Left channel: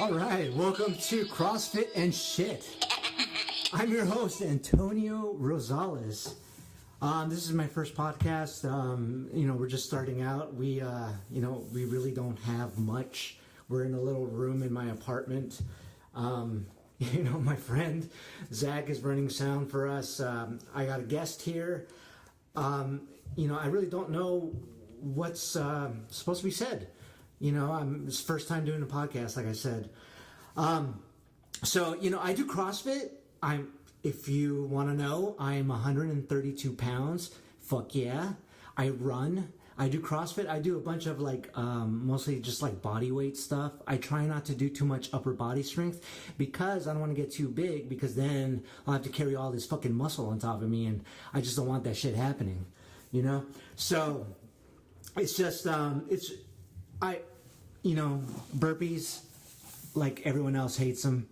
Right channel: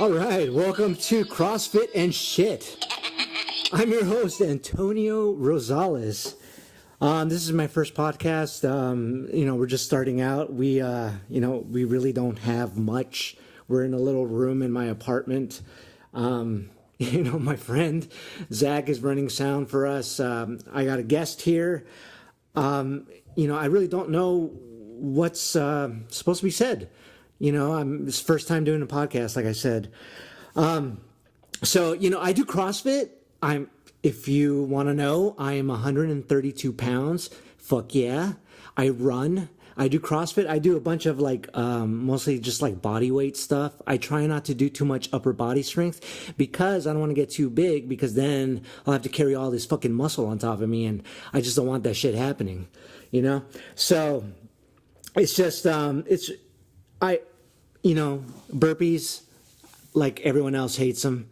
All right, welcome to CrossFit and Shit. I'm your host, Antonio Rosales. This is my first podcast. We're just starting out. We really don't have much. We're in a little room in my apartment. My friend Zach is running sound for us. I got a guest here. I really don't know what's supposed to be said. It's the first time doing a podcast, like I said. I do CrossFit. If you want to know, I am 132 pounds. Fuck yeah. I run. I do CrossFit. I do a bunch of mostly just like body weight stuff. I try not to do too much upper body strength because I don't want to get too big, because then I'll have to carry all this fucking muscle on top of me, and I just don't want that shit happening, So it's just, burpees, like everyone else hates them.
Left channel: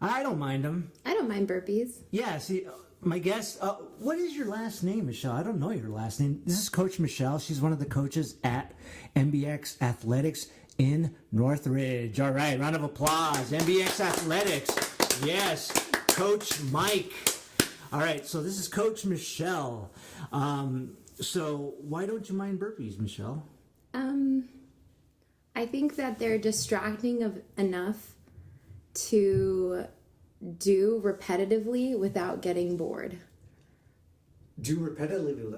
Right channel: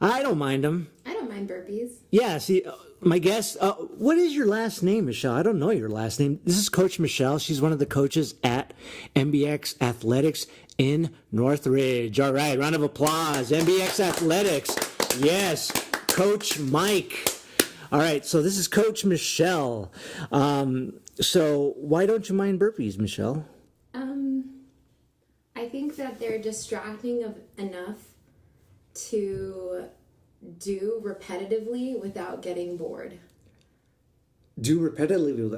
I don't mind them. I don't mind burpees. Yeah, see, my guest, what is your last name, Michelle? I don't know your last name. This is Coach Michelle. She's one of the coaches at MBX Athletics in Northridge. All right, round of applause. MBX Athletics. Yes, Coach Mike. All right, so this is Coach Michelle. So why don't you mind burpees, Michelle? I think that they're distracting enough to do repetitively without getting bored. Do repetitively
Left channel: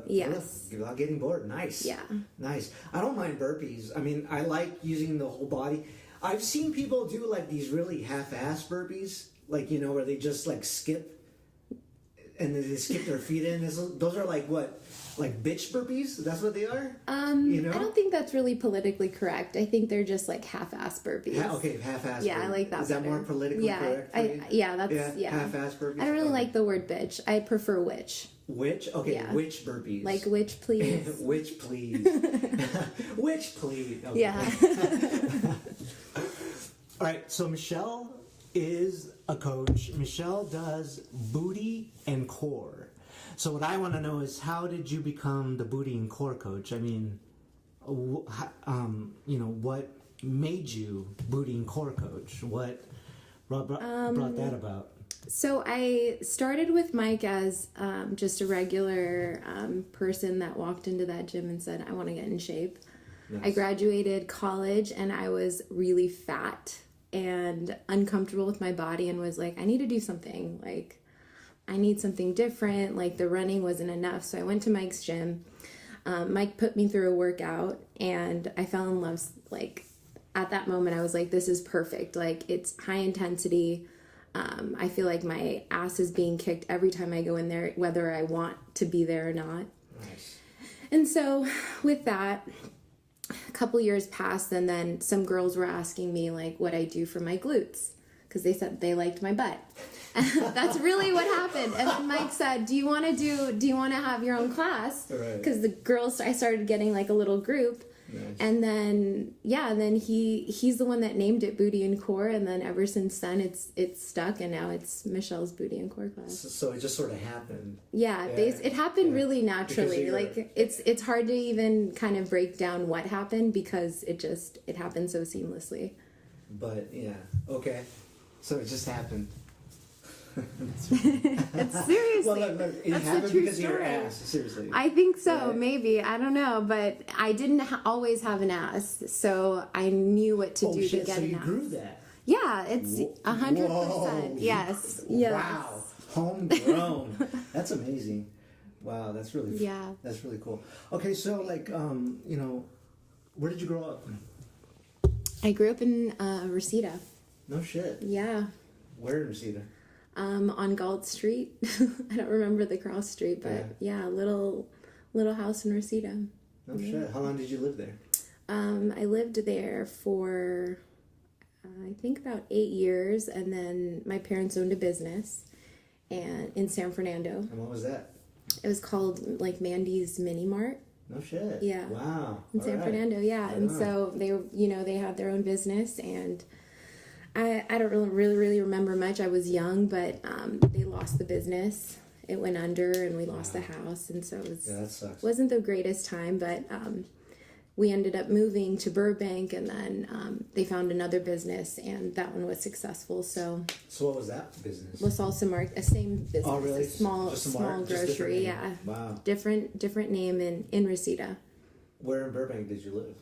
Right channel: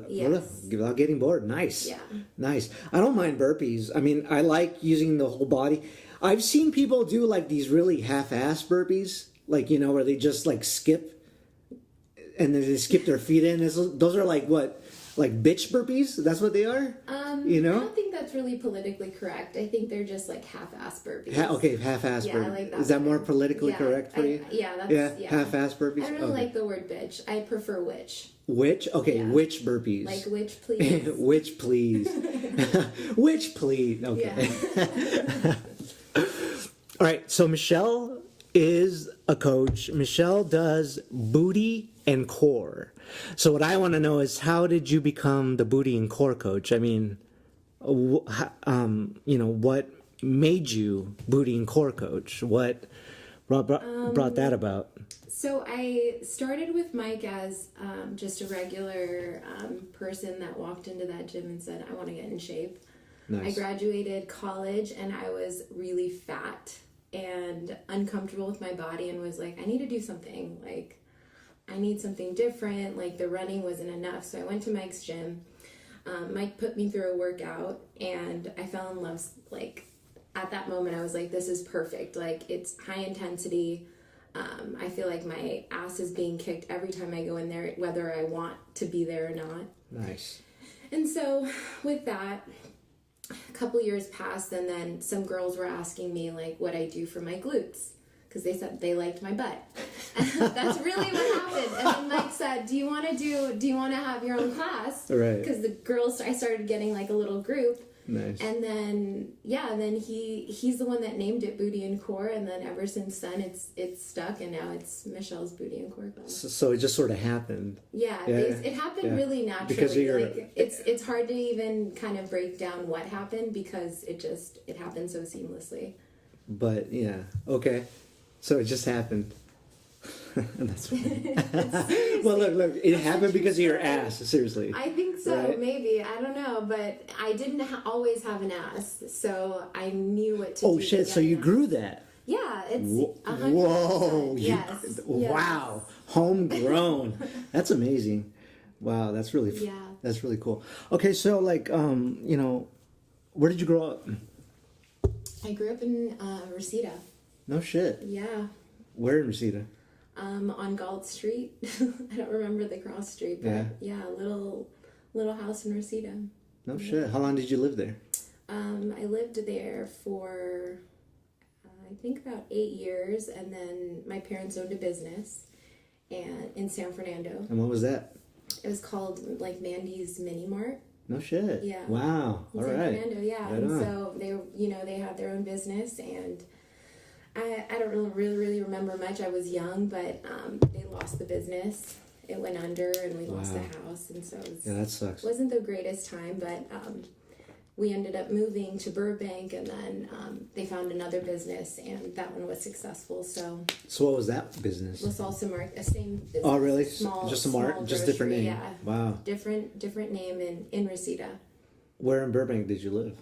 without getting bored. Nice. Yeah. Nice. I don't mind burpees. I mean, I like using the whole body. I've seen people do like these really half-ass burpees, where they just skip and then they skip their feet in. Those are like what? Like bitch burpees? That's what they are? I don't think that's really politically correct. I think they're just like half-ass burpees. Half-ass Yeah, burpees. I like that. Is that more politically correct for you? Half-ass burpees? I really like the word bitch. I prefer witch. Witch? Okay, yeah. Witch burpees. Like witch, please. Witch, please. Witch, please. Okay. Yeah. All right, so Michelle is a coach. Michelle does booty and core. So what I want to know is, how did you become the booty and core coach? I mean, what made you booty and core coach? What brought that about? So I started with Mike as just a regular person that walked into that gym and said, I want to get in shape. Nice. I graduated college and I was really fat and uncomfortable with my body and was like, I need to do something. I need something different. The running wasn't enough. So I went to Mike's gym. Mike put me through a workout and I fell in love. At that moment, I was like, this is perfect. It's high intensity. I feel like my ass is being kicked every time I go in there, whether I want to be there or not. Nice. And so with that, a couple years passed, and then some girls were asking me what I do for my glutes, because they said they liked my butt. That's really what happened. And then Mike said, do you want to have your own class? Right. Because the girls, I started getting a little group. Nice. And then, he's the one that named it Booty and Core. And then ever since then, it's stuck. And now it's Michelle's Booty and Core class. So it just sort of happened. Yeah. It happened really naturally. It's hard to even kind of break down what happened, because it happened so seamlessly. But yeah. Okay. So it just happened. That's funny. Well, look, it happened because of your ass. Seriously. I think so. Right? Maybe. I don't know. But I didn't always have an ass, so I knew what to do. Oh shit! To get So you an grew that? Yeah, it's 100%. Whoa! Yes. Wow! Homegrown. That's amazing. Wow, that's really That's really cool. Okay, so where did you grow up? I grew up in Reseda. No shit. Yeah. Where in Reseda? On Galt Street. I don't remember the cross street, but yeah, little house in Reseda. No shit. How long did you live there? I lived there for I think about 8 years, and then my parents owned a business in San Fernando. And what was that? It was called Mandy's Mini Mart. No shit. Yeah. Wow. In San Fernando, yeah. Right and on. So they had their own business, and I don't really remember much. I was young, but they lost the business. It went under, and we lost the house, and so that sucks. Wasn't the greatest time, but we ended up moving to Burbank, and then they found another business, and that one was successful. So what was that business? La Salsa Market, a same business. Oh, really? Small Just grocery, different name. yeah. Wow. Different name in Reseda. Where in Burbank did you live?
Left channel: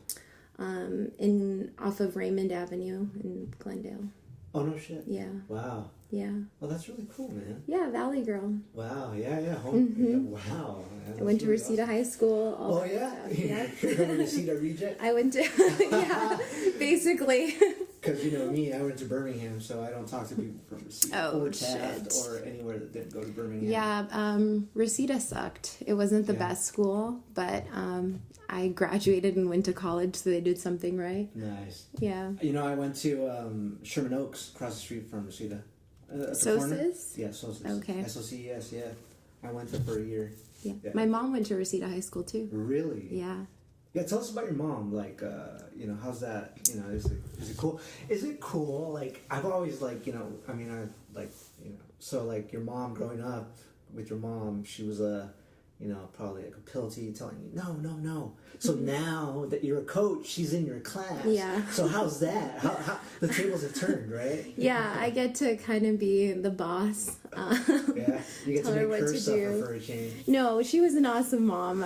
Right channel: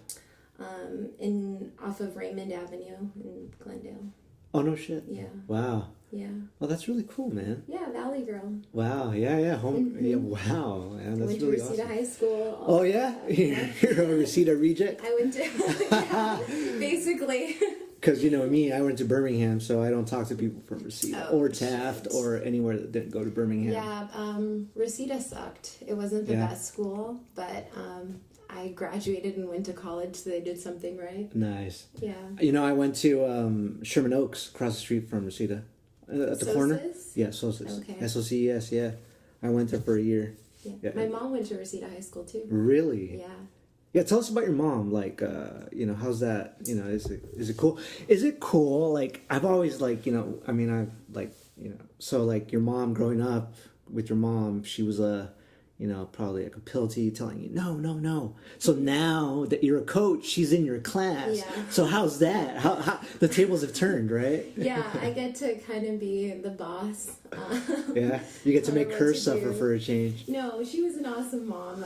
Off of Raymond Avenue in Glendale. Oh, no shit. Yeah. Wow. Yeah. Oh, that's really cool, man. Yeah, Valley Girl. Wow. Yeah. Home. Yeah, wow. Yeah, I went to really Reseda awesome. High School. Oh, yeah? You're a Reseda reject? I went to, yeah, basically. Because, me, I went to Birmingham, so I don't talk to people from Reseda or Taft or anywhere that didn't go to Birmingham. Yeah, Reseda sucked. It wasn't the best school, but I graduated and went to college, so they did something right. Nice. Yeah. I went to Sherman Oaks, across the street from Reseda. At the corner? Yeah, Sosis. Okay. SOCES, yeah. I went there for a year. Yeah. My mom went to Reseda High School, too. Really? Yeah. Yeah, tell us about your mom. Like, how's that? Is it cool? Is it cool? Like, I've always so like your mom growing up with your mom, she was probably like a pill to you telling you, no. So now that you're a coach, she's in your class. Yeah. So how's that? How the tables have turned, right? Yeah, I get to kind of be the boss. Yeah, you get to make her suffer do. for a change. No, she was an awesome mom.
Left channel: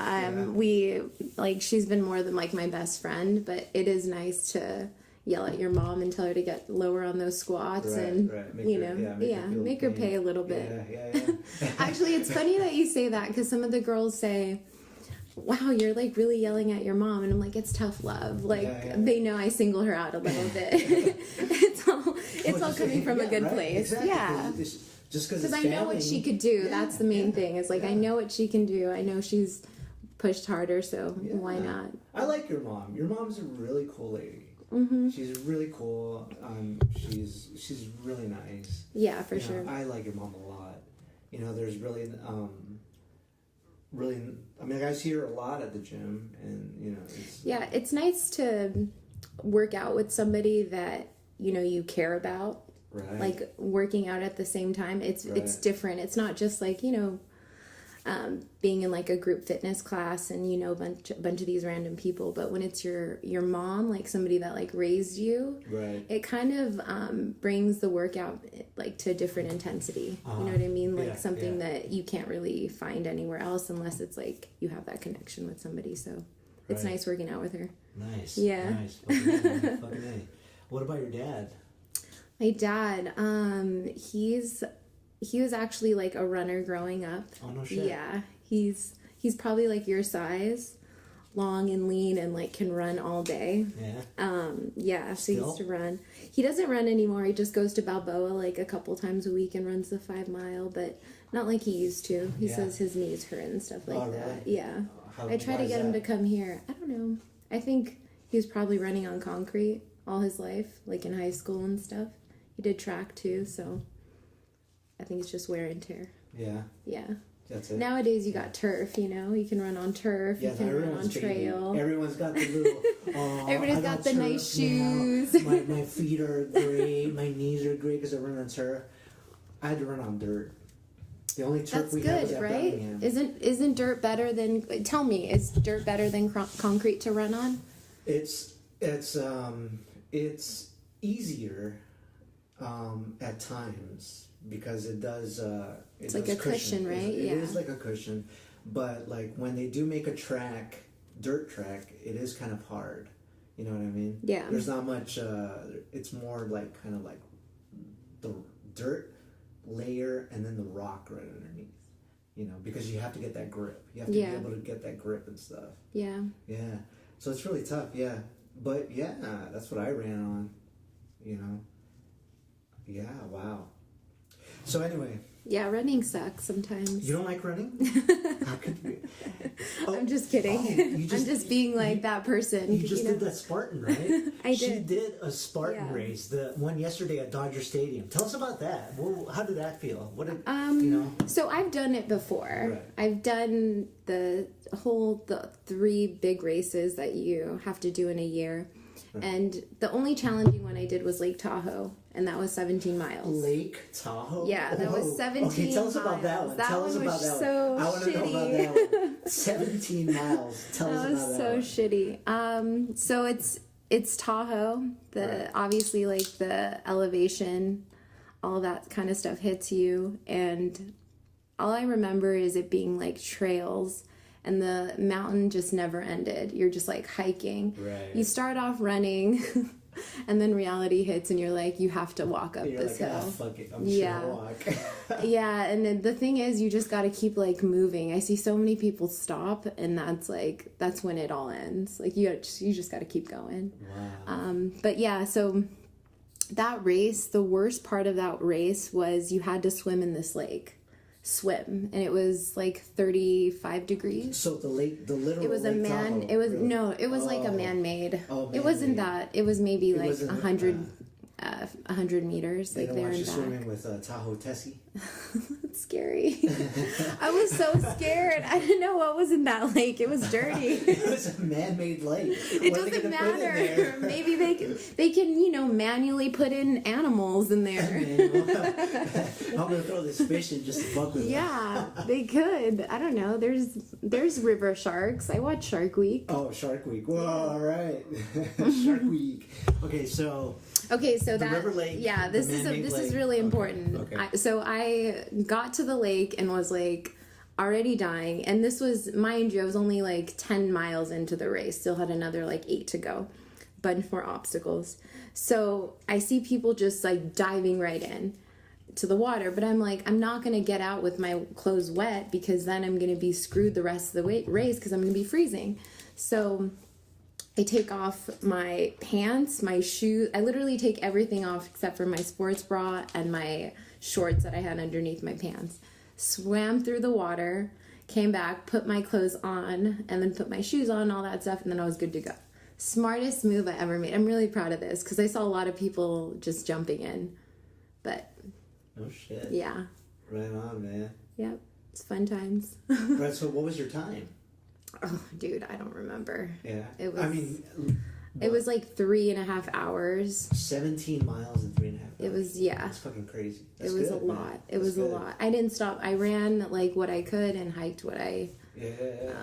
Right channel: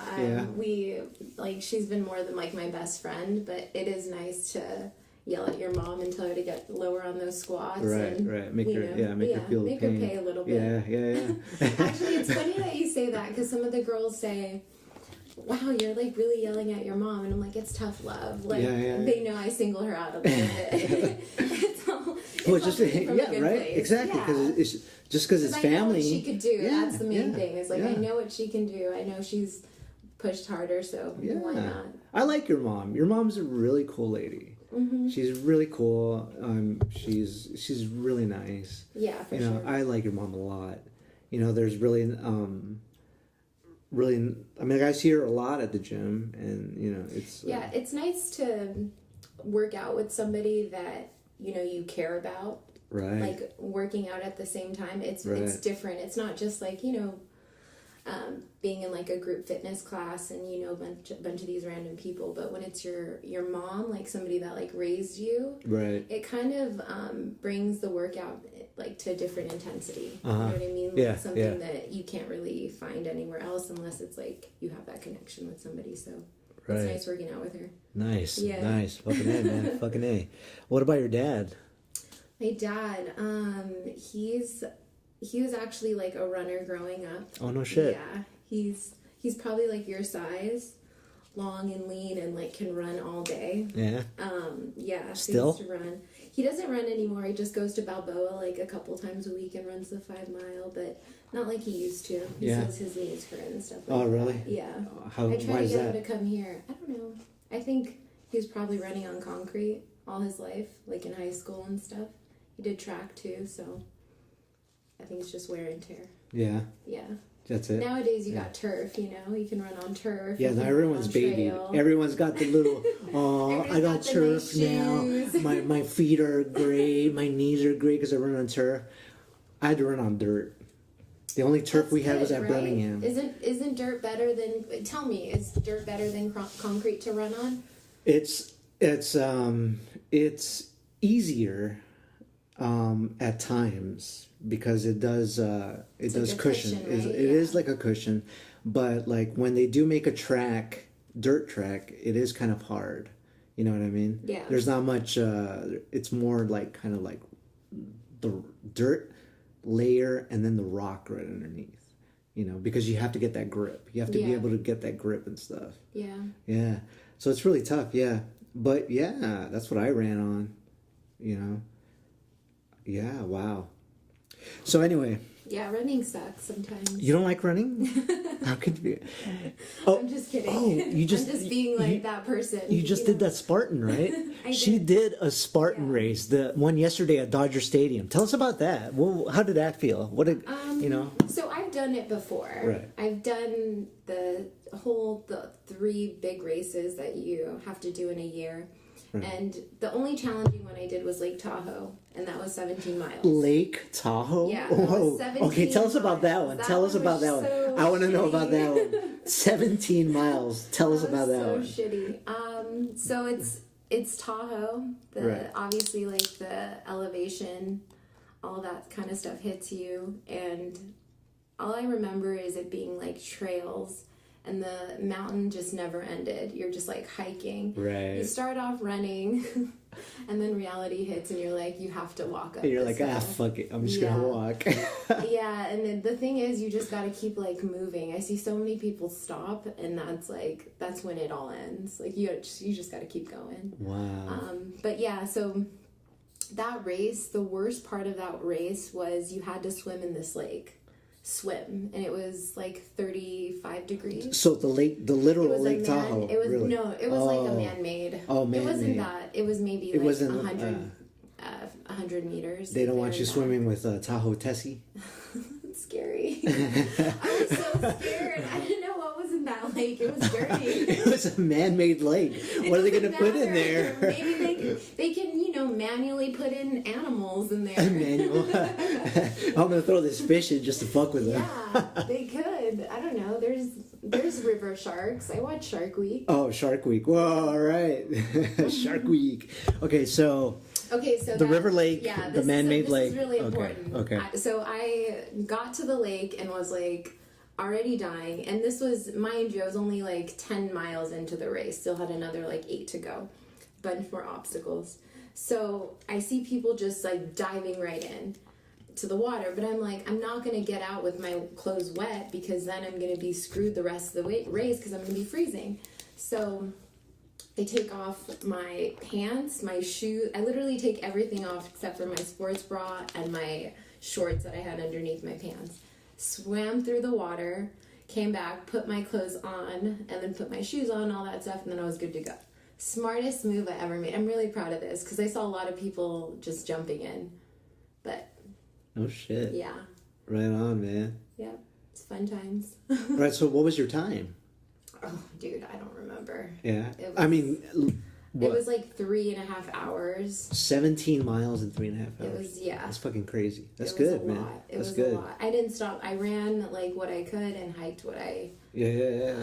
She's been more than like my best friend, but it is nice to yell at your mom and tell her to get lower on those squats and make her pay a little bit. Yeah. Actually, it's funny that you say that, because some of the girls say, wow, you're like really yelling at your mom, and I'm like, it's tough love. Like, they know I single her out a little bit. it's all coming from a good place. Exactly. Yeah. It's just because it's I family. know what she could do. That's the main thing. Is like, I know what she can do. I know she's pushed harder, so why not? I like your mom. Your mom's a really cool lady. Mm-hmm. She's really cool. She's really nice. Yeah, for sure. I like your mom a lot. There's really, I see her a lot at the gym, and it's. Yeah, it's nice to work out with somebody that you care about. Right. Like working out at the same time. It's different. It's not just like being in like a group fitness class and a bunch of these random people, but when it's your mom, like somebody that like raised you, right, it kind of brings the workout like to a different intensity. You know what I mean? Like something that you can't really find anywhere else unless it's like you have that connection with somebody. So it's nice working out with her. Nice. Yeah. Nice. Fucking A, man. Fucking A. What about your dad? My dad, he was actually like a runner growing up. Oh, no shit. Yeah. He's probably like your size, long and lean, and like can run all day. Yeah. Yeah. So Still? he used to run. He doesn't run anymore. He just goes to Balboa like a couple times a week and runs the 5 mile, but not like he used to. He says his knees hurt and stuff like that. Oh, really? Yeah. I try to get him to come here. I don't know. I think he was probably running on concrete all his life, like in high school and stuff. He did track too, so I think it's just wear and tear. Yeah. Yeah. That's it. Nowadays you got turf, you can run on turf. Yeah, now everyone's baby. Everyone's got the little, I got the turf nice shoes. now. My feet are great. My knees are great because I run on turf. I had to run on dirt. The only turf we had was at Birmingham. Isn't dirt better than? Tell me, is dirt better than concrete to run on? It's easier at times because it does It's like a cushion, right? It is like a cushion, but like when they do make a dirt track, it is kind of hard. You know what I mean? Yeah. There's not much. It's more like kind of like the dirt layer and then the rock right underneath. Because you have to get that grip. You have to be able to get that grip and stuff. Yeah. Yeah. So it's really tough. Yeah. But yeah, that's what I ran on. Yeah. Wow. So anyway. Yeah, running sucks sometimes. You don't like running? How could you? Oh, I'm just kidding. I'm just being like that person. You just did that Spartan, right? I did. She did a Spartan race, the one yesterday at Dodger Stadium. Tell us about that. Well, how did that feel? What did So I've done it before. Right. I've done the 3 big races that you have to do in a year. Right. And the only challenging one I did was Lake Tahoe. and that was 17 miles. Lake Tahoe? Yeah, that was 17 Okay, tell us about that miles. one. That Tell one us about was that so one. I want to know about that shitty. one. 17 miles. Tell us about that so one. shitty. So it's Tahoe. Right. Obviously, like, the elevation, all that kind of stuff hits you, and all I remember is it being like trails, and the mountain just never ended. You're just like hiking. Right. You start off running, and then reality hits, and you're like, you have to walk up. You're this like, hill. fuck it. I'm just gonna walk. Yeah, and then the thing is, you just got to keep like moving. I see so many people stop, and that's when it all ends. Like, you just got to keep going. Wow. But yeah, so that race, the worst part of that race was you had to swim in this lake. And it was like 35 degrees. So the literal It was Lake Tahoe. It was really? no, it was like a man-made. Oh, man-made. It wasn't that. It was maybe like wasn't, 100 meters. They like, don't there want you and back. swimming with Tahoe Tessie. It's scary. I was so scared. I didn't know what was in that lake. It was dirty. It was a man-made lake. What are they going to put in there? Maybe they can manually put in animals in there. I'm going to throw this fish in just to fuck with them. Yeah, they could. I don't know. There's river sharks. I watch Shark Week. Oh, Shark Week. Whoa, all right. Shark Week. Okay, so the river lake, yeah, the man-made lake. This is really important. Okay. So I got to the lake and was like already dying, and this was, mind you, I was only like 10 miles into the race, still had another like 8 to go, bunch more obstacles. So I see people just like diving right in to the water, but I'm like, I'm not gonna get out with my clothes wet, because then I'm gonna be screwed the rest of the race, because I'm gonna be freezing. So I take off my pants, my shoes. I literally take everything off except for my sports bra and my shorts that I had underneath my pants. Swam through the water, came back, put my clothes on, and then put my shoes on, all that stuff, and then I was good to go. Smartest move I ever made. I'm really proud of this, because I saw a lot of people just jumping in. But no shit. yeah. Right on, man. Yep. It's fun times. Right, so what was your time? Oh, dude, I don't remember. Yeah. It was, I mean, it was like 3.5 hours. 17 miles in 3.5 hours. It was, yeah. That's fucking crazy. That's It was good, a man. lot. It That's was good. a lot. I didn't stop. I ran like what I could and hiked what I Yeah.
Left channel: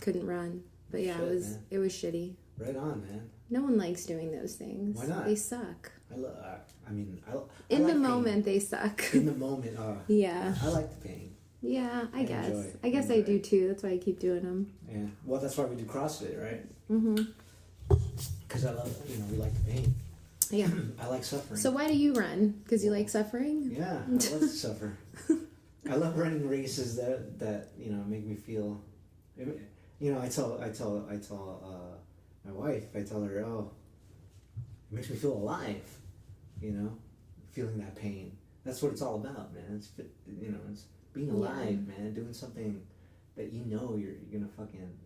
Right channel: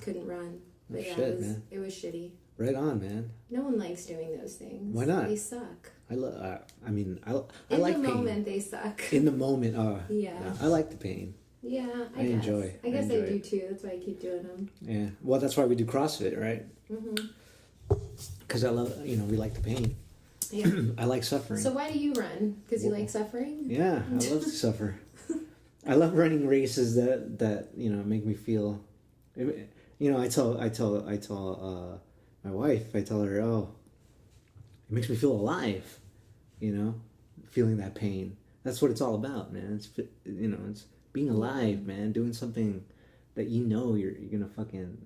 couldn't run. But yeah, Shit, man. it was shitty. Right on, man. No one likes doing those things. Why not? They suck. I like In the the moment, they suck. In the moment, Yeah. I like the pain. Yeah, I guess. enjoy. I guess I enjoy do it. too. That's why I keep doing them. Yeah. Well, that's why we do CrossFit, right? Mm-hmm. Because I love, we like the pain. Yeah. I like suffering. So why do you run? Because you like suffering? Yeah, I love to suffer. I love running races that make me feel. I tell my wife. I tell her, oh, it makes me feel alive. Feeling that pain. That's what it's all about, man. It's being alive, man. Doing something that you're gonna fucking,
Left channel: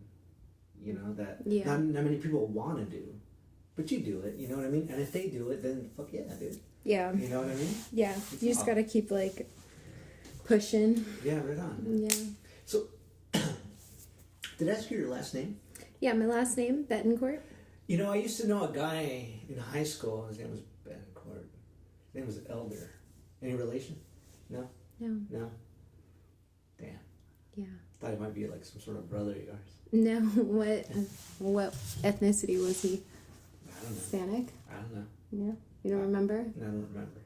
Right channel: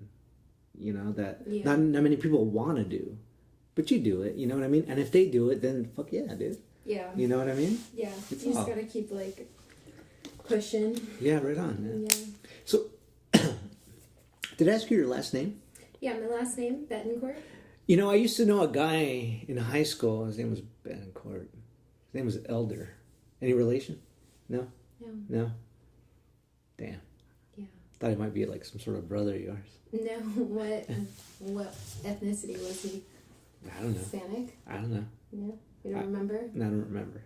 that not many people want to do, but you do it. You know what I mean? And if they do it, then fuck yeah, dude. Yeah. You know what I mean? Yeah. You just gotta keep like pushing. Yeah, right on, man. Yeah. So, did I ask you your last name? Yeah, my last name, Betancourt. I used to know a guy in high school. His name was Betancourt. His name was Elder. Any relation? No? No? Damn. Yeah. Thought he might be like some sort of brother of yours. No, what ethnicity was he? I don't know. Hispanic? I don't know. No? You don't remember? No, I don't remember.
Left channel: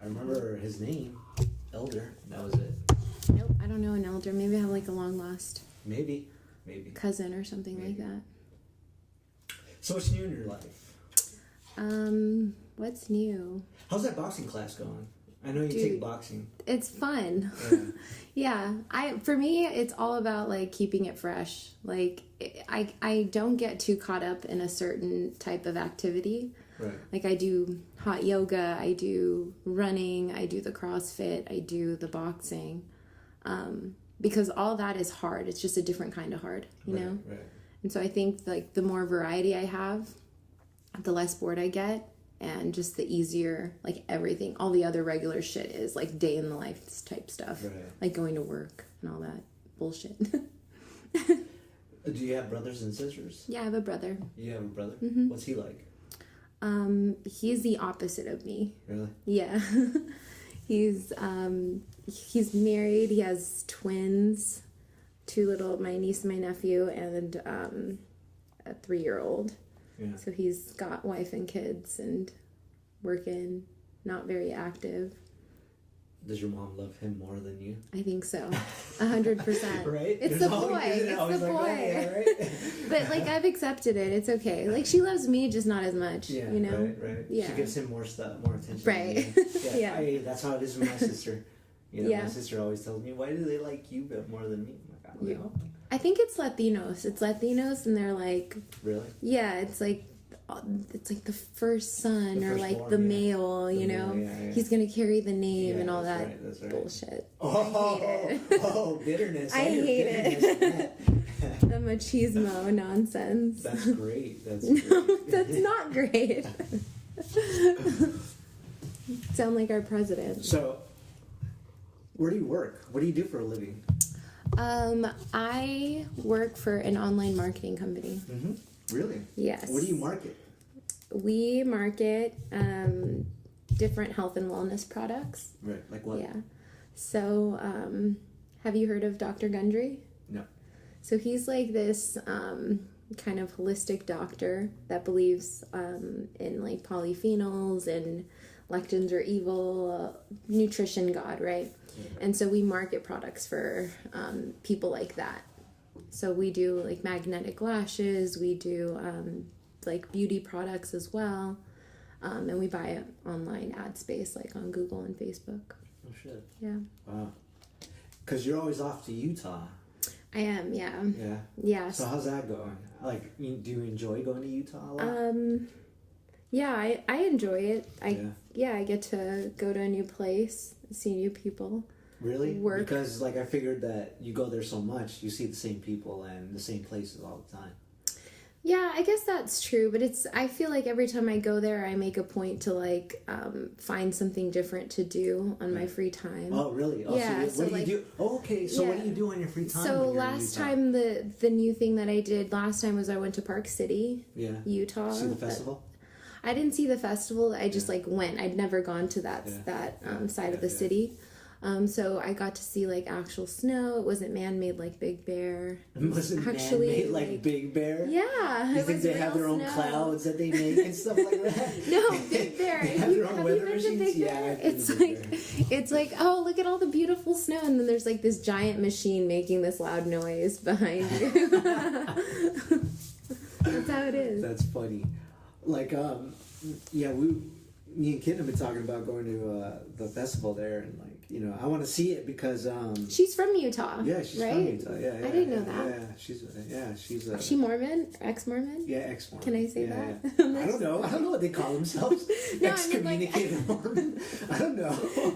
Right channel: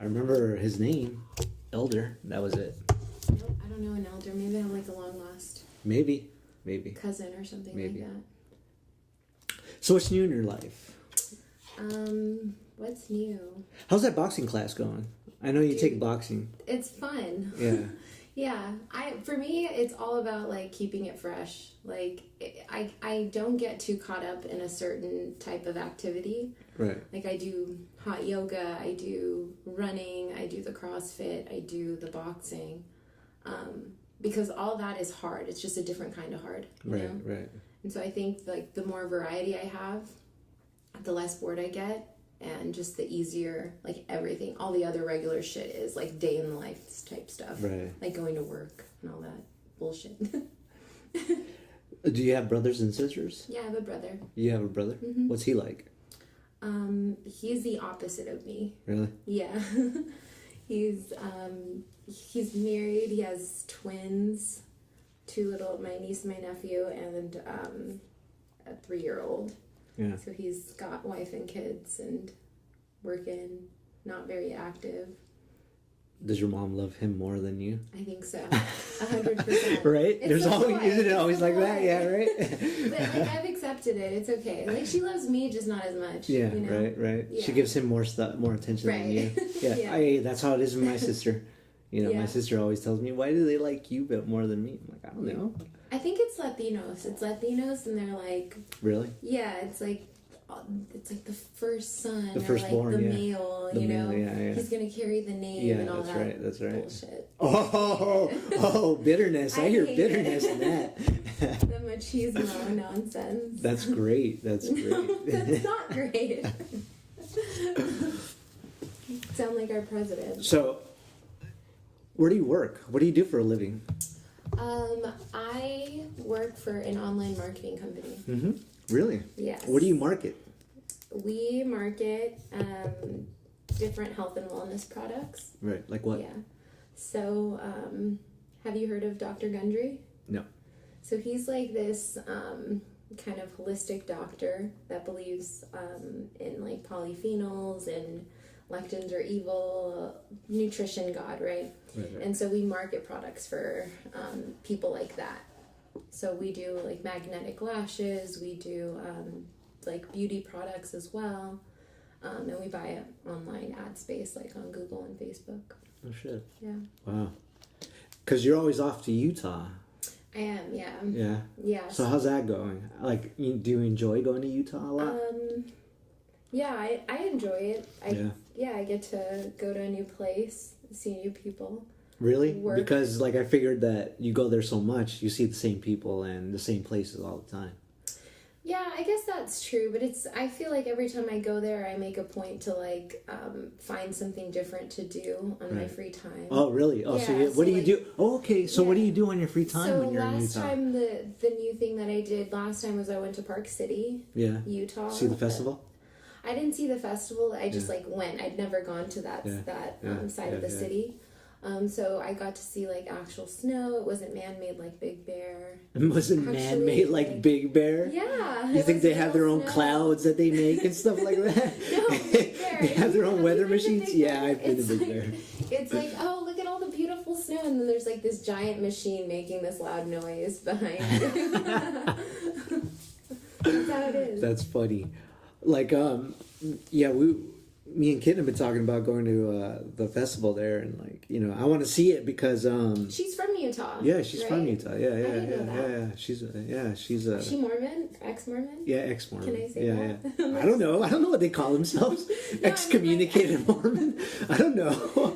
I remember his name, Elder. That was it. Nope, I don't know an elder. Maybe I have like a long lost Maybe. cousin or something like that. So what's new in your life? What's new? How's that boxing class going? I know you take boxing. It's fun. Yeah. Yeah. For me, it's all about like keeping it fresh. Like I don't get too caught up in a certain type of activity. Right. Like I do hot yoga, I do running, I do the CrossFit, I do the boxing. Because all that is hard. It's just a different kind of hard, you know? Right. And so I think like the more variety I have, the less bored I get, and just the easier like everything, all the other regular shit is like day in the life type stuff. Right. Like going to work and all that bullshit. Do you have brothers and sisters? Yeah, I have a brother. You have a brother? Mm-hmm. What's he like? He's the opposite of me. Really? Yeah. He's married. He has twins, my niece and my nephew, and a 3-year-old. Yeah. So he's got wife and kids and working, not very active. Does your mom love him more than you? I think so. 100%. Right? It's There's the always, boy. isn't it It's always the like boy. that? Yeah, right? But, like, I've accepted it. It's okay. Like, she loves me, just not as much. Yeah, you know? right. Yeah. She gives him more attention Right. than you. Yeah. Yeah. Hey, that's how it is with my sister. You know, Yeah. my sister always tells me, why do they like you but more than me? I'm like, I don't know. I think it's Latinos. It's Latinos, and they're like... Really? Yeah, it's like the first son, The or like firstborn, the yeah. male, The you know? male, yeah. He's gonna carry the name and all that's that right, that's right. bullshit. Oh, bitterness. I I hear hate bitterness it. in that. The machismo nonsense. That's great. That's great. That's not great. Sound like our president. So, where do you work? What do you do for a living? I work for an online marketing company. Mm-hmm. Really? Yes. What do you market? We market different health and wellness products. Right. Like what? Yeah. So, have you heard of Dr. Gundry? No. So he's like this kind of holistic doctor that believes in like polyphenols and lectins are evil, nutrition god, right? And so we market products for people like that. So we do like magnetic lashes, we do like beauty products as well, and we buy it online ad space like on Google and Facebook. Oh shit. Yeah. Wow. Because you're always off to Utah. I am, yeah. Yeah. Yeah. So how's that going? Like, do you enjoy going to Utah a lot? Yeah, I enjoy it. Yeah. I get to go to a new place, see new people. Really? Work. Because like I figured that you go there so much, you see the same people and the same places all the time. Yeah, I guess that's true, but I feel like every time I go there, I make a point to like find something different to do on my free time. Oh, really? Oh, Yeah, so what do like- you do? Oh, okay. So what do Yeah. you do on your free time So when you're in last Utah? time, the new thing that I did last time was I went to Park City, Yeah. Utah. See the festival? I didn't see the festival. I just like went. I'd never gone to that Yeah. side of the city. So I got to see like actual snow. It wasn't man-made like Big Bear. It wasn't Actually, man-made like like- Big Bear? Yeah. You it think was they have their real own snow. clouds that they make and stuff like that? No, Big Bear. They have their own you weather been to machines? Big Yeah, Bear? I've been to It's Big like, Bear. It's like, oh, look at all the beautiful snow, and then there's like this giant machine making this loud noise behind you. That's how it is. That's funny. Like, yeah, me and Kitten have been talking about going to the festival there, and like, you know, I want to see it because She's from Utah. yeah, she's from right? Utah. Yeah, yeah, I didn't yeah, know that. yeah. She's Is she Mormon? Ex-Mormon? yeah, ex-Mormon. Can I say yeah, that? Yeah. I don't know. I don't know what they call themselves. No, I mean, Excommunicated Mormon. I don't know.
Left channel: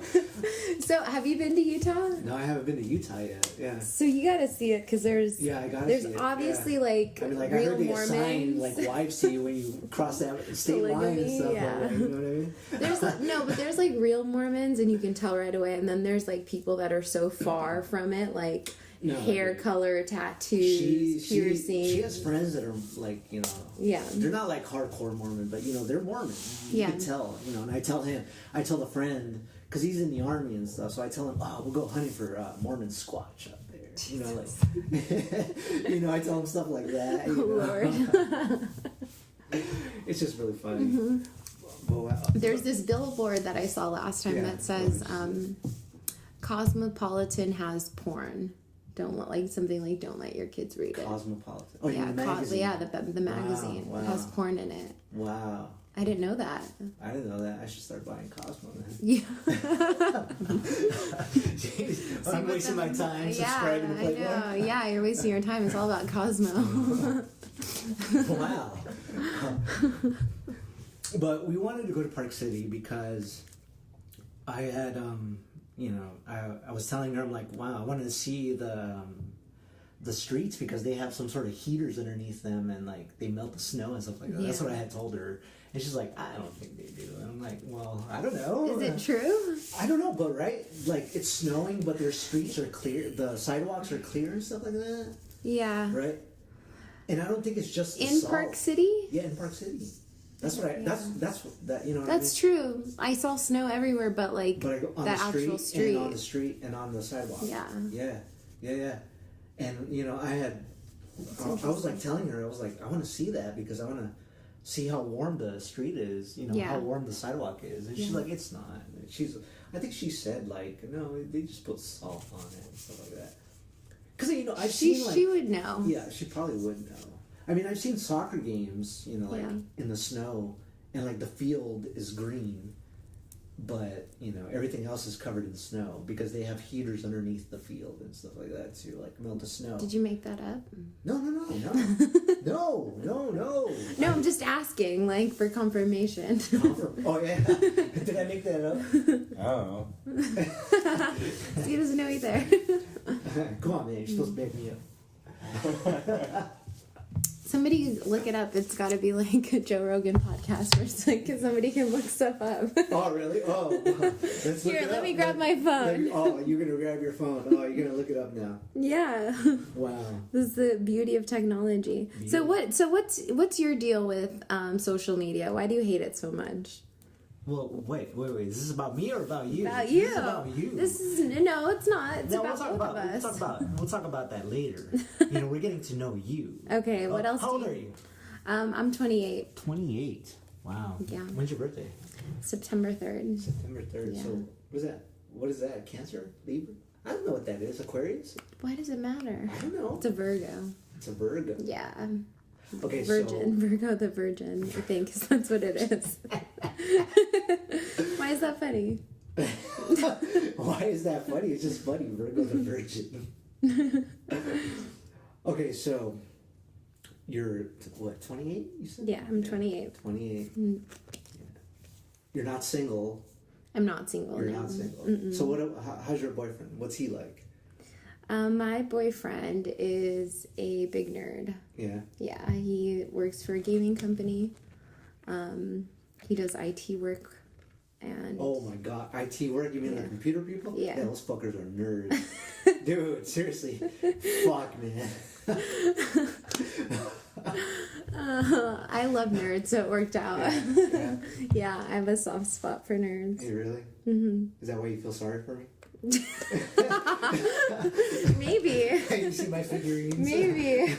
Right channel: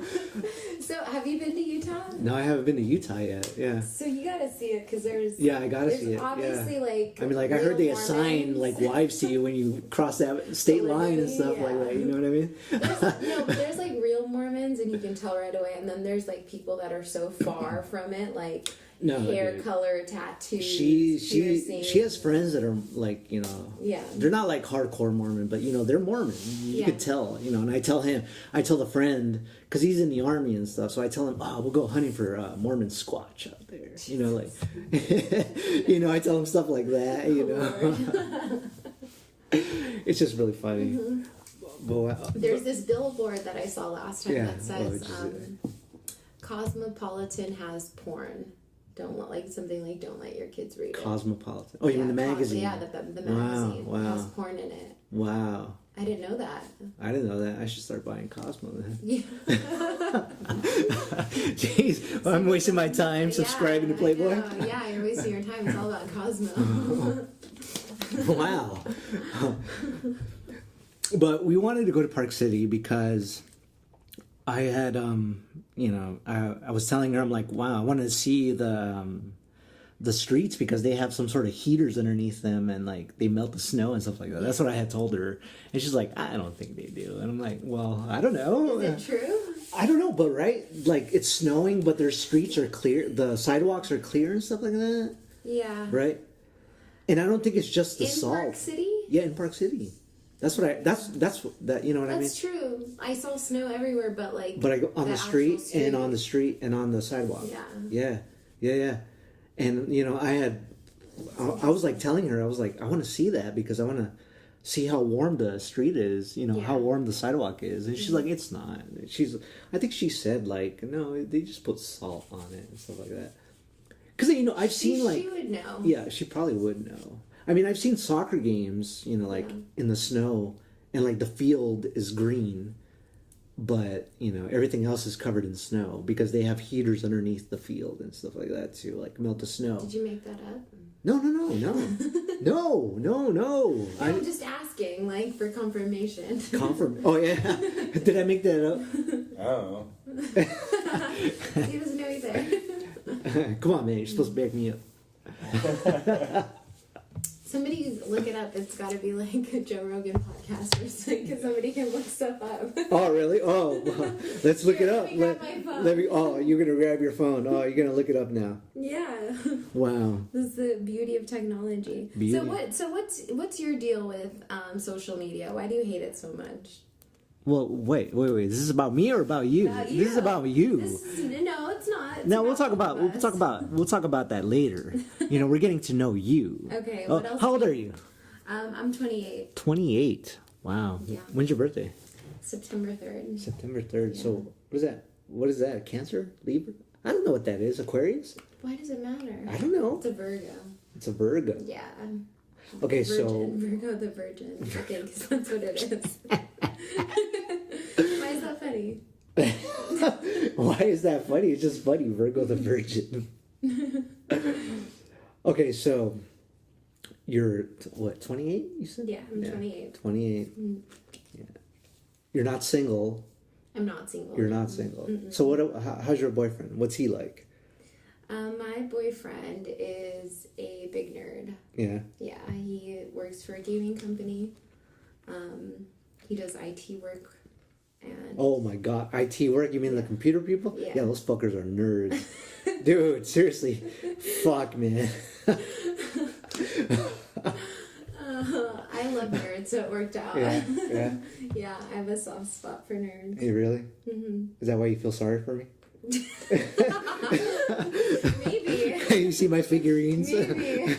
So, have you been to Utah? No, I haven't been to Utah yet. Yeah. So you gotta see it because there's Yeah, I gotta see it. obviously yeah. like I mean, like I real heard they Mormons. assign like wives to you when you cross that state line and Polygamy, stuff yeah. like that. You know what I mean? There's but there's like real Mormons and you can tell right away, and then there's like people that are so far from it, like No, hair like, color, tattoos, piercings. she has friends that are like, you know, Yeah. they're not like hardcore Mormon, but you know they're Mormon. You Yeah. can tell, you know. And I tell the friend because he's in the army and stuff. So I tell him, oh, we'll go hunting for Mormon Squatch out there. You know, like, you know, I tell him stuff like that. You know, it's just really funny. Mm-hmm. But, wow. There's this billboard that I saw last time Yeah, that says what would you Cosmopolitan has porn. Don't let your kids read it. Cosmopolitan. Oh, you mean the magazine? The magazine Wow. has porn in it. Wow. I didn't know that. I didn't know that. I should start buying Cosmo then. Yeah. Jeez, I'm wasting my time subscribing to Playboy. I know. Yeah, you're wasting your time. It's all about Cosmo. Wow. But we wanted to go to Park City because I had, you know, I was telling her, I'm like, wow, I wanted to see the streets because they have some sort of heaters underneath them and like they melt the snow and stuff like that. That's Yeah. what I had told her. And she's like, I don't think they do. And I'm like, well, I don't know. Is it true? I don't know, but right? Like it's snowing, but their streets are clear. The sidewalks are clear and stuff like that. Yeah. Right? And I don't think it's just the In salt. Park City? Yeah, in Park City. That's what that you know what I mean? That's true. I saw snow everywhere, but like But I go on the street and on the street and on the sidewalk. Yeah. And you know, I was like telling her, I was like, I want to see that because I want to see how warm the street is, you know, how warm the sidewalk is. And she's like, it's not. I think she said like, no, they just put salt on it and stuff like that. Because, you know, I've seen like... She would know. Yeah, she probably would know. I mean, I've seen soccer games, you know, like in the snow, and like the field is green, but, you know, everything else is covered in snow because they have heaters underneath the field and stuff like that to like melt the snow. Did you make that up? No. No, I'm just asking, like, for confirmation. Oh, yeah. Did I make that up? I don't know. He doesn't know either. Come on, man. You're supposed to back me up. Somebody look it up. It's got to be like a Joe Rogan podcast where it's like somebody can look stuff up. Oh, really? Oh, let's look it up. Let me grab my phone. You're going to grab your phone. Oh, you're going to look it up now. Yeah. Wow. This is the beauty of technology. So what's your deal with social media? Why do you hate it so much? Well, wait. Is this about me or about you? About you. This is about you. No, it's not. It's no, we'll talk about that later. You know, we're getting to know you. Okay, what else? How old are you? I'm 28. 28. Wow. Yeah. When's your birthday? September 3rd. September 3rd. Yeah. So, what is that? What is that? Cancer? Libra? I don't know what that is. Aquarius? Why does it matter? I don't know. It's a Virgo. It's a Virgo. Yeah. Okay, Virgin. Virgo the Virgin, I think, is that's what it is. Why is that funny? Why is that funny? It's just funny. Virgo the Virgin. Okay, so you're what, 28? You said? Yeah, I'm 28. 28. Mm. Yeah. You're not single. I'm not single. You're not single. Mm-mm. So how's your boyfriend? What's he like? My boyfriend is a big nerd. Yeah. Yeah, he works for a gaming company. He does IT work. And oh my god, IT work? You mean the computer people? Yeah. Yeah, those fuckers are nerds. Dude, seriously. Fuck, man. I love nerds, so it worked out. Yeah. Yeah, I have a soft spot for nerds. Hey, really? Mm-hmm. Is that why you feel sorry for me? Maybe. You see my figurines? Maybe.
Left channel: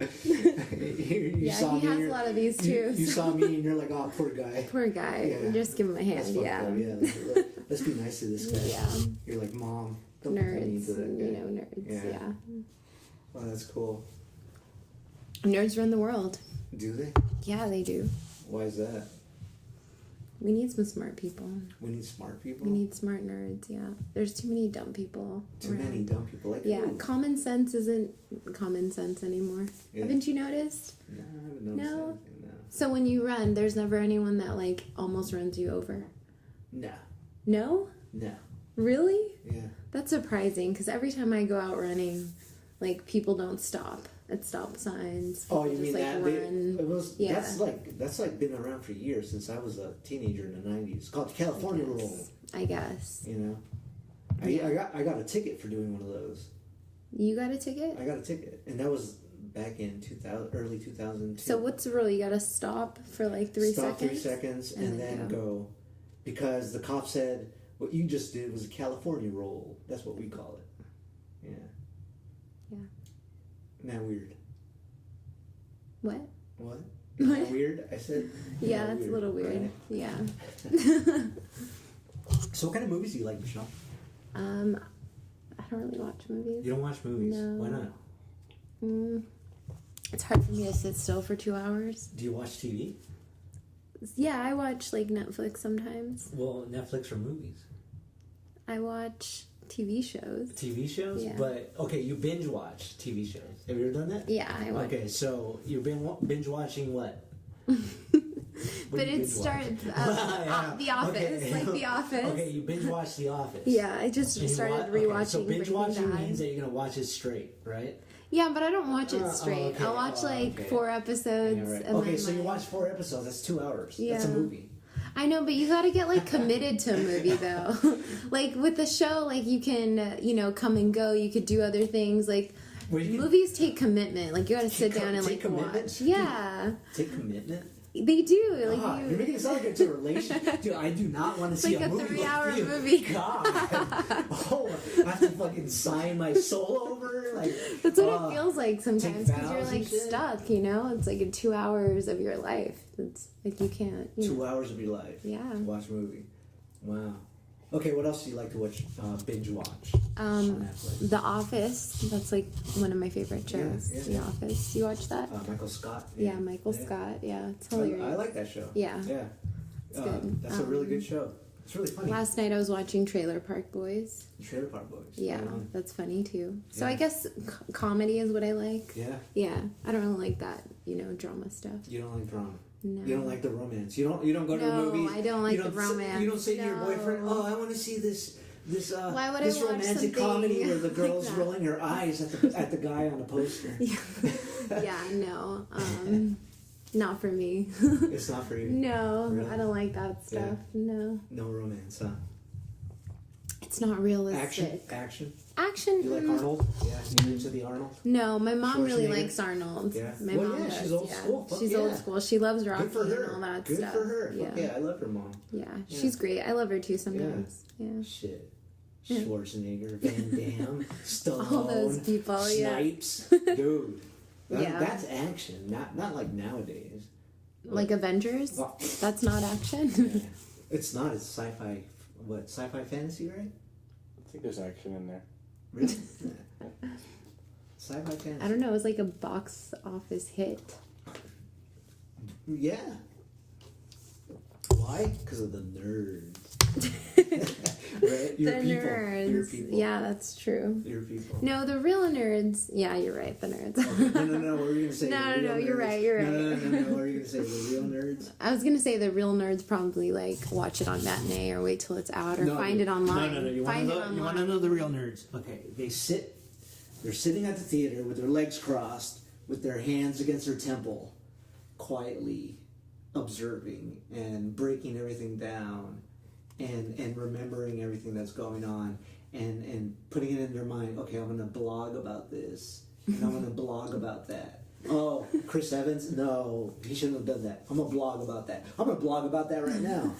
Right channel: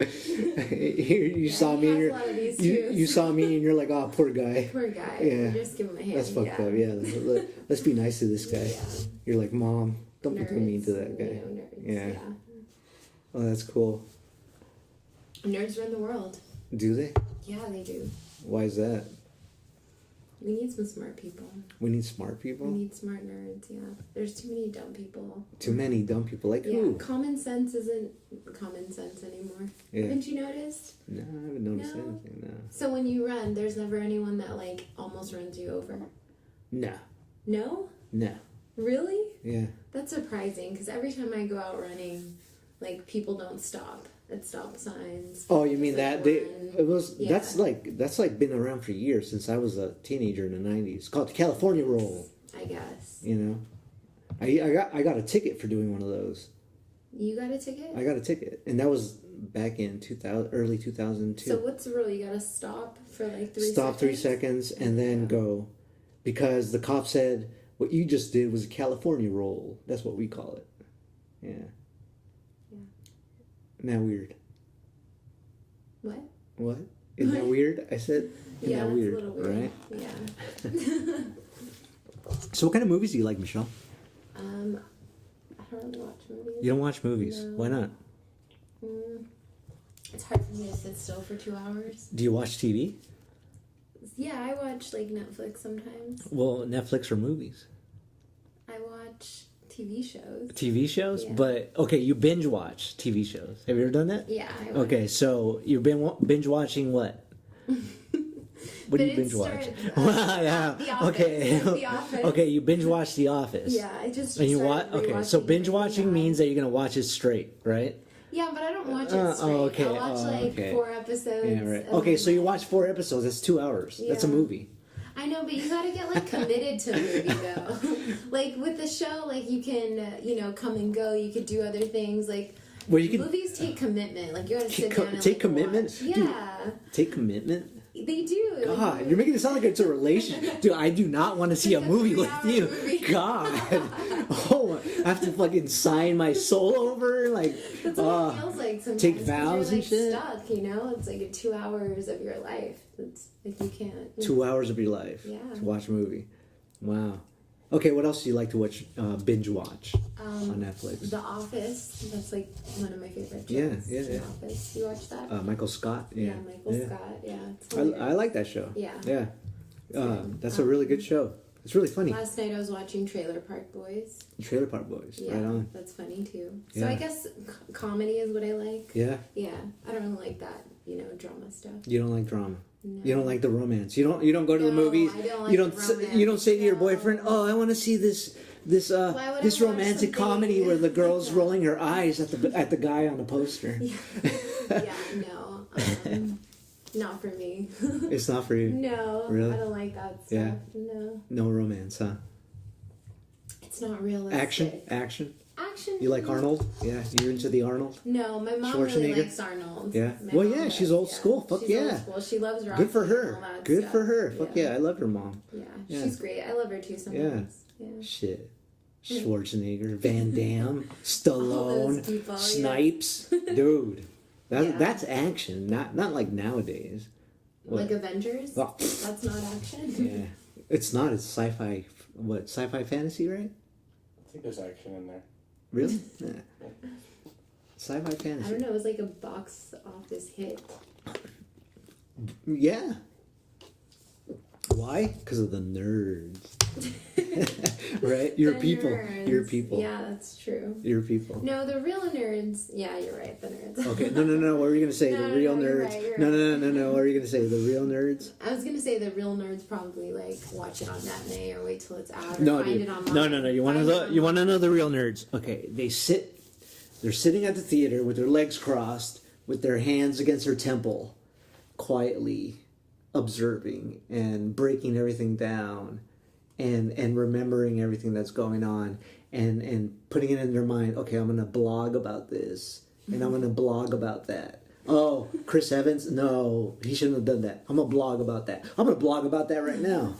you saw me. Has a lot of these too. You saw me, and you're like, "Oh, poor guy." Poor guy. Yeah. Just give him a hand. That's fucked up. Yeah. Let's be nice to this guy. Yeah. You're like, Mom, don't be mean to that guy. You know, nerds. Yeah. Oh, that's cool. Nerds run the world. Do they? Yeah, they do. Why is that? We need some smart people. We need smart people? We need smart nerds, yeah. There's too many dumb people. Too many dumb people. Like yeah, who? Common sense isn't common sense anymore. Yeah. Haven't you noticed? No, I haven't noticed anything, no. So when you run, there's never anyone that, like, almost runs you over? No. No? No. Really? Yeah. That's surprising, because every time I go out running, like, people don't stop at stop signs. Oh, you mean that? That's like been around for years, since I was a teenager in the 90s. It's called the California Roll. I guess. You know? I got a ticket for doing one of those. You got a ticket? I got a ticket. And that was back in early 2002. So what's the rule? You gotta stop for like 3 seconds? Stop 3 seconds and then go. Because the cop said, what you just did was a California roll. That's what we call it. Yeah. Yeah. Isn't that weird? What? What? Isn't that weird? I said. Yeah, that's a little weird. Right? Yeah. So what kind of movies do you like, Michelle? I don't really watch movies. You don't watch movies? No. Why not? It's hard for me to sit still for 2 hours. Do you watch TV? Yeah, I watch like Netflix sometimes. Well, Netflix or movies? I watch TV shows. TV shows? Yeah. But, okay, you binge watch TV shows. Have you ever done that? Yeah, I watch. Okay, so you've been binge watching what? What do you binge watch? The Office. Okay. Like The Office. Okay, you binge watch The Office. Yeah, I just started rewatching. Okay, so binge watching Breaking Bad. means that you're going to watch it straight, right? Yeah, but I don't watch it straight. Okay. I'll watch 4 episodes. Yeah, right. Okay, so you watch 4 episodes. That's 2 hours. Yeah. That's a movie. I know, but you gotta get like committed to a movie though. Like with the show, like you can, come and go. You could do other things. Like movies take commitment. Like you gotta sit down and take commitment. watch. Yeah. Dude, take commitment. They do. Like, God, you're making it sound like it's a relationship. Dude, I do not want to see like a movie with you. Movie. God. Oh, I have to fucking sign my soul over. Like, that's what it feels like sometimes. Take vows you're like and shit. stuck, you know? It's like 2 hours of your life. It's like you can't. 2 hours of your life. Yeah. To watch a movie. Wow. Okay, what else do you like to watch? Binge watch on Netflix. The Office. That's like one of my favorite shows. Yeah. The Office. You watch that? Michael Scott. Yeah, Michael Scott. Yeah, it's I like that show. Yeah. Yeah. That's a really good show. It's really funny. Last night I was watching Trailer Park Boys. Trailer Park Boys. Yeah, that's funny too. So Yeah. I guess comedy is what I like. Yeah. Yeah, I don't really like that, drama stuff. You don't like drama. No. You don't like the romance. You don't go to the movies. I don't like the romance. You don't say to your boyfriend, "Oh, I want to see this romantic comedy where the girl's rolling her eyes at the guy on the poster." Yeah, no. Not for me. It's not for you. No, really? I don't like that stuff. Yeah. No. No romance, huh? It's not realistic. Action. Action. You like Arnold? Yeah, you're into the Arnold. No, my mom really likes Arnold. Yeah. My mom does, she's old school. Fuck she's old school. She loves Rocky. Good for her. And all that Good stuff. for her. Fuck yeah, I love her mom. Yeah, she's great. I love her too sometimes. Yeah. Shit. Schwarzenegger, Van Damme, Stallone, All those people, Snipes, dude. That's action, not like nowadays. Like Avengers? Well, that's not action. Yeah. It's not. It's sci-fi. What, sci-fi fantasy, right? I think there's action in there. Really? Yeah. Sci-fi fantasy. I don't know. It was like a box office hit. Yeah. Why? Because of the nerds. Right? Your people. Nerds. Your people. Yeah, that's true. Your people. No, the real nerds. Yeah, you're right. The nerds. Okay. No. What were you going to say? No, the real nerds. you're right. You're No. What were you going to say? The real nerds? I was gonna say the real nerds probably like watch it on matinee or wait till it's out or find it online. No. You want to know the real nerds? Okay, they're sitting at the theater with their legs crossed, with their hands against their temple, quietly observing and breaking everything down, and remembering everything that's going on, and putting it in their mind. Okay, I'm gonna blog about this, and I'm gonna blog about that. Oh, Chris Evans? No, he shouldn't have done that. I'm going to blog about that. I'm going to blog about that right now.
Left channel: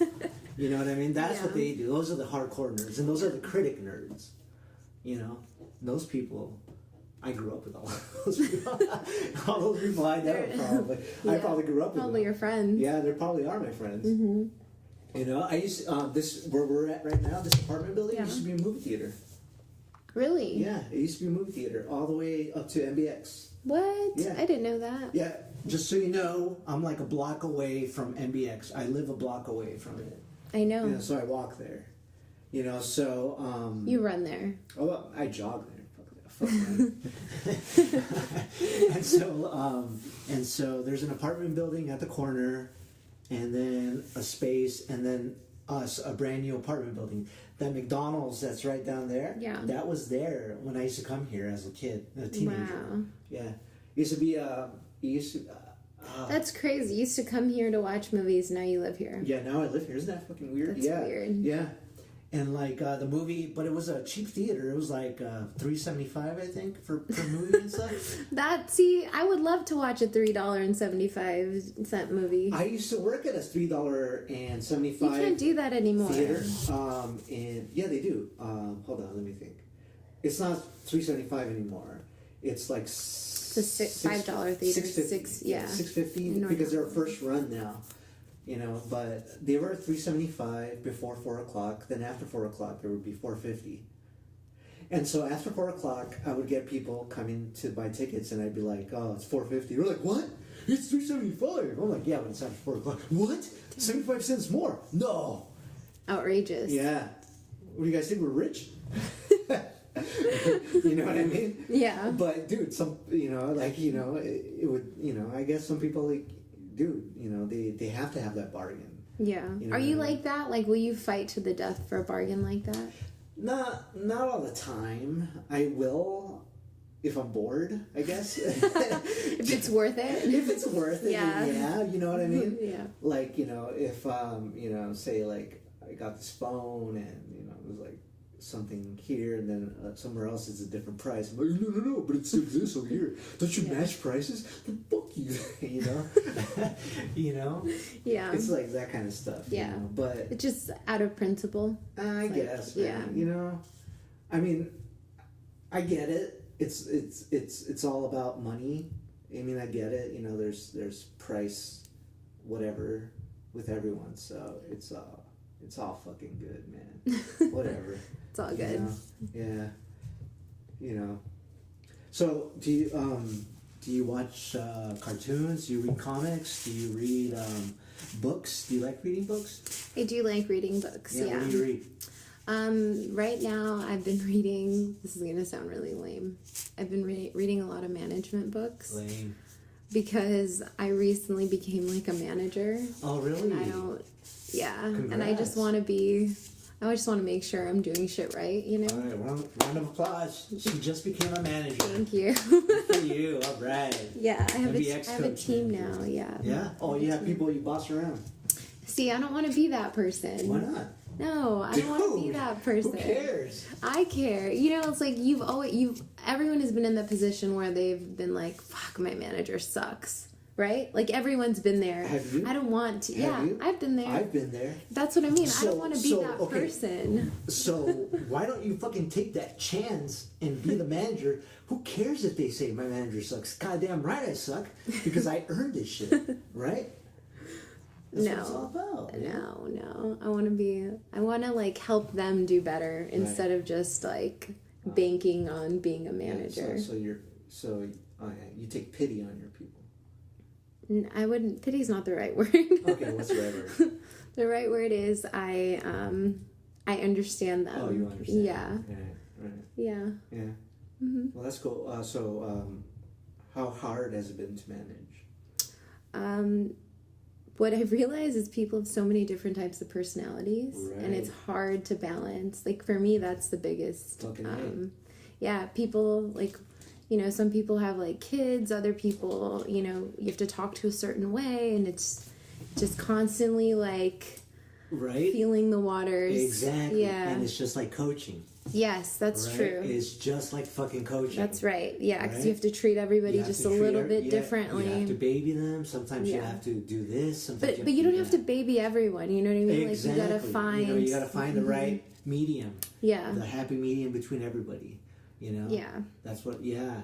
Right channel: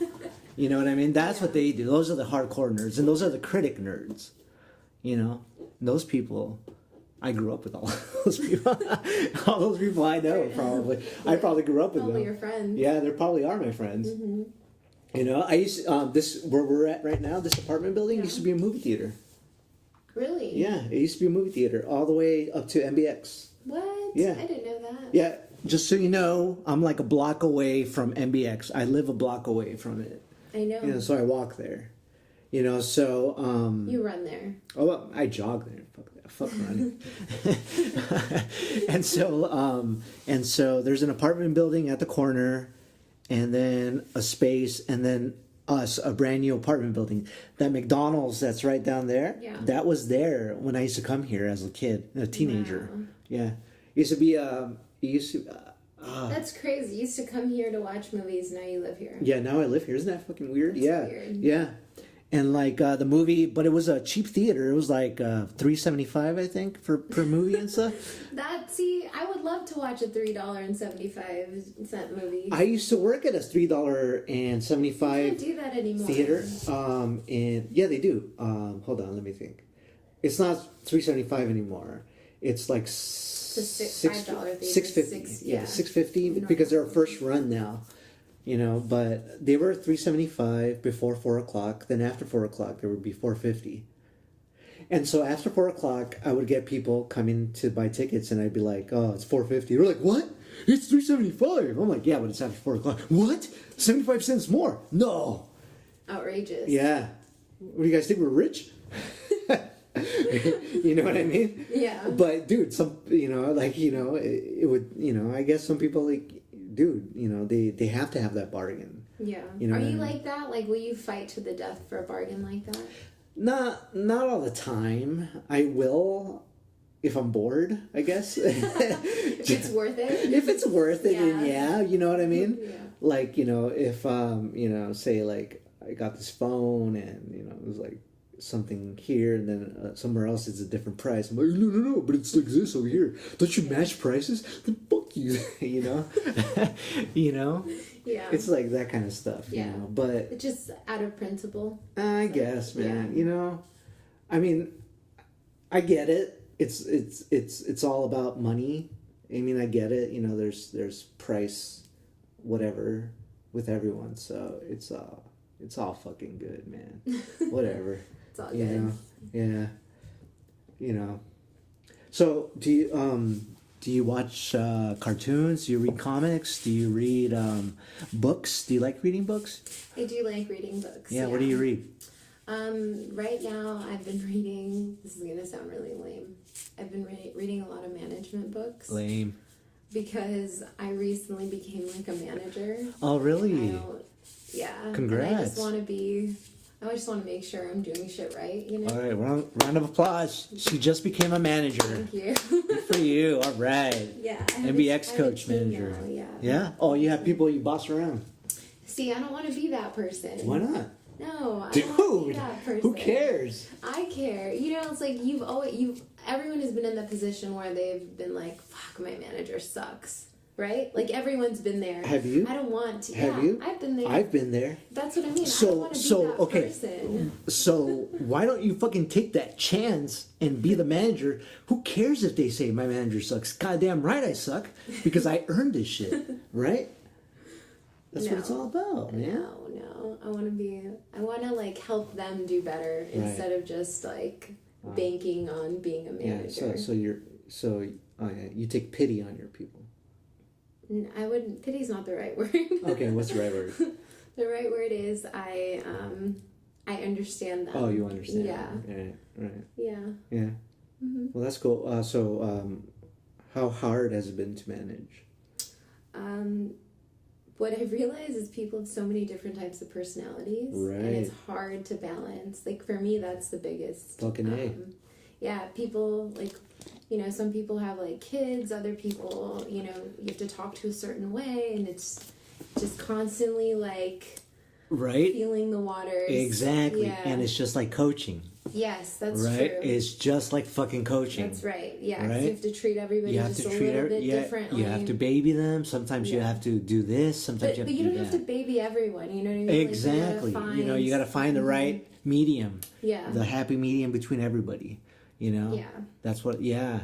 You know what I mean? That's what they do. Those are the hardcore nerds, and those are the critic nerds. You know? Those people, I grew up with all those people. All those people I know, probably. Yeah. I probably grew up with probably them. Your friends. Yeah, they probably are my friends. Mm-hmm. You know, I used where we're at right now, this apartment building used to be a movie theater. Really? Yeah, it used to be a movie theater all the way up to MBX. What? Yeah. I didn't know that. Yeah, just so you know, I'm like a block away from MBX. I live a block away from it. I know. Yeah, so I walk there. You know, so... you run there. Oh, well, I jog there. Fuck run. And so there's an apartment building at the corner, and then a space, and then us, a brand new apartment building. That McDonald's that's right down there, that was there when I used to come here as a kid, a teenager. Wow. Yeah. It used to, that's crazy. You used to come here to watch movies, now you live here. Yeah, now I live here. Isn't that fucking weird? That's weird. Yeah. And like the movie, but it was a cheap theater. It was like $3.75, I think, per movie and stuff. I would love to watch a $3.75 movie. I used to work at a $3.75. You can't do that anymore. Theater. And yeah, they do. Hold on, let me think. It's not $3.75 anymore. It's like $5 theater. $6.50. Yeah, $6.50 because they're a first run now. You know, but they were $3.75 before 4 o'clock. Then after 4 o'clock, they would be $4.50. And so after 4 o'clock, I would get people coming to buy tickets, and I'd be like, "Oh, it's $4.50." They're like, "What? It's $3.75." I'm like, "Yeah, but it's after 4 o'clock." What? 75 cents more? No. Outrageous. Yeah. What do you guys think? We're rich? You know what I mean? Yeah. But dude, it would. I guess some people like. Dude, they have to have that bargain. Yeah. You know Are you like that? Like, will you fight to the death for a bargain like that? Not all the time. I will if I'm bored, I guess. If it's worth it. If it's worth it, yeah. You know what I mean? Yeah. Like, if say like I got this phone and it was like something here and then somewhere else it's a different price. I'm like, no, but it still exists over here. Don't you match prices? Then fuck you, you know? You know? Yeah. It's like that kind of stuff, yeah. you know? But it's just out of principle. I guess, man. Yeah. You know? I mean, I get it. It's all about money. I mean, I get it. You know, there's price, whatever, with everyone. So it's all fucking good, man. Whatever. It's all good. Know? Yeah. You know. So do you watch cartoons? Do you read comics? Do you read books? Do you like reading books? I do like reading books. Yeah. What do you read? Right now I've been reading, this is going to sound really lame, I've been reading a lot of management books. Lame. Because I recently became like a manager. Oh, really? Yeah. Congrats. And I just want to make sure I'm doing shit right, you know? All right, round of applause. She just became a manager. Thank you. Good for you. All right. Yeah. I have MBX I have coach a team manager. now, yeah. Yeah? Oh, you have people you boss around. See, I don't want to be that person. Why not? No, I don't want to be that person. Who cares? I care. You know, it's like everyone has been in the position where they've been like, fuck, my manager sucks. Right? Like everyone's been there. Have you? I don't want to. Have you? I've been there. I've been there. That's what I mean. I don't want to be that person. So why don't you fucking take that chance and be the manager? Who cares if they say my manager sucks? Goddamn right I suck because I earned this shit. Right? That's what it's all about, man. No. I want to like help them do better instead of just like banking on being a manager. Yeah, you take pity on your people. I wouldn't. Pity's not the right word. Okay, what's the right word? The right word is I understand them. Oh, you understand. Yeah. Right. Yeah. Yeah. Mm-hmm. Well, that's cool. So, how hard has it been to manage? What I've realized is people have so many different types of personalities, right. and it's hard to balance. Like for me, that's the biggest. Fucking A. Yeah, people like, you know, some people have like kids. Other people, you know, you have to talk to a certain way, and it's just constantly like, right, feeling the waters. Exactly. Yeah. And it's just like coaching. Yes, that's right? true. It's just like fucking coaching. That's right. Yeah, because right? you have to treat everybody just a little bit differently. You have to baby them. Sometimes you have to do this. Sometimes but you don't have to baby everyone. You know what I mean? Exactly. Like you gotta find the right medium. Yeah. The happy medium between everybody. You know. Yeah. That's what. Yeah.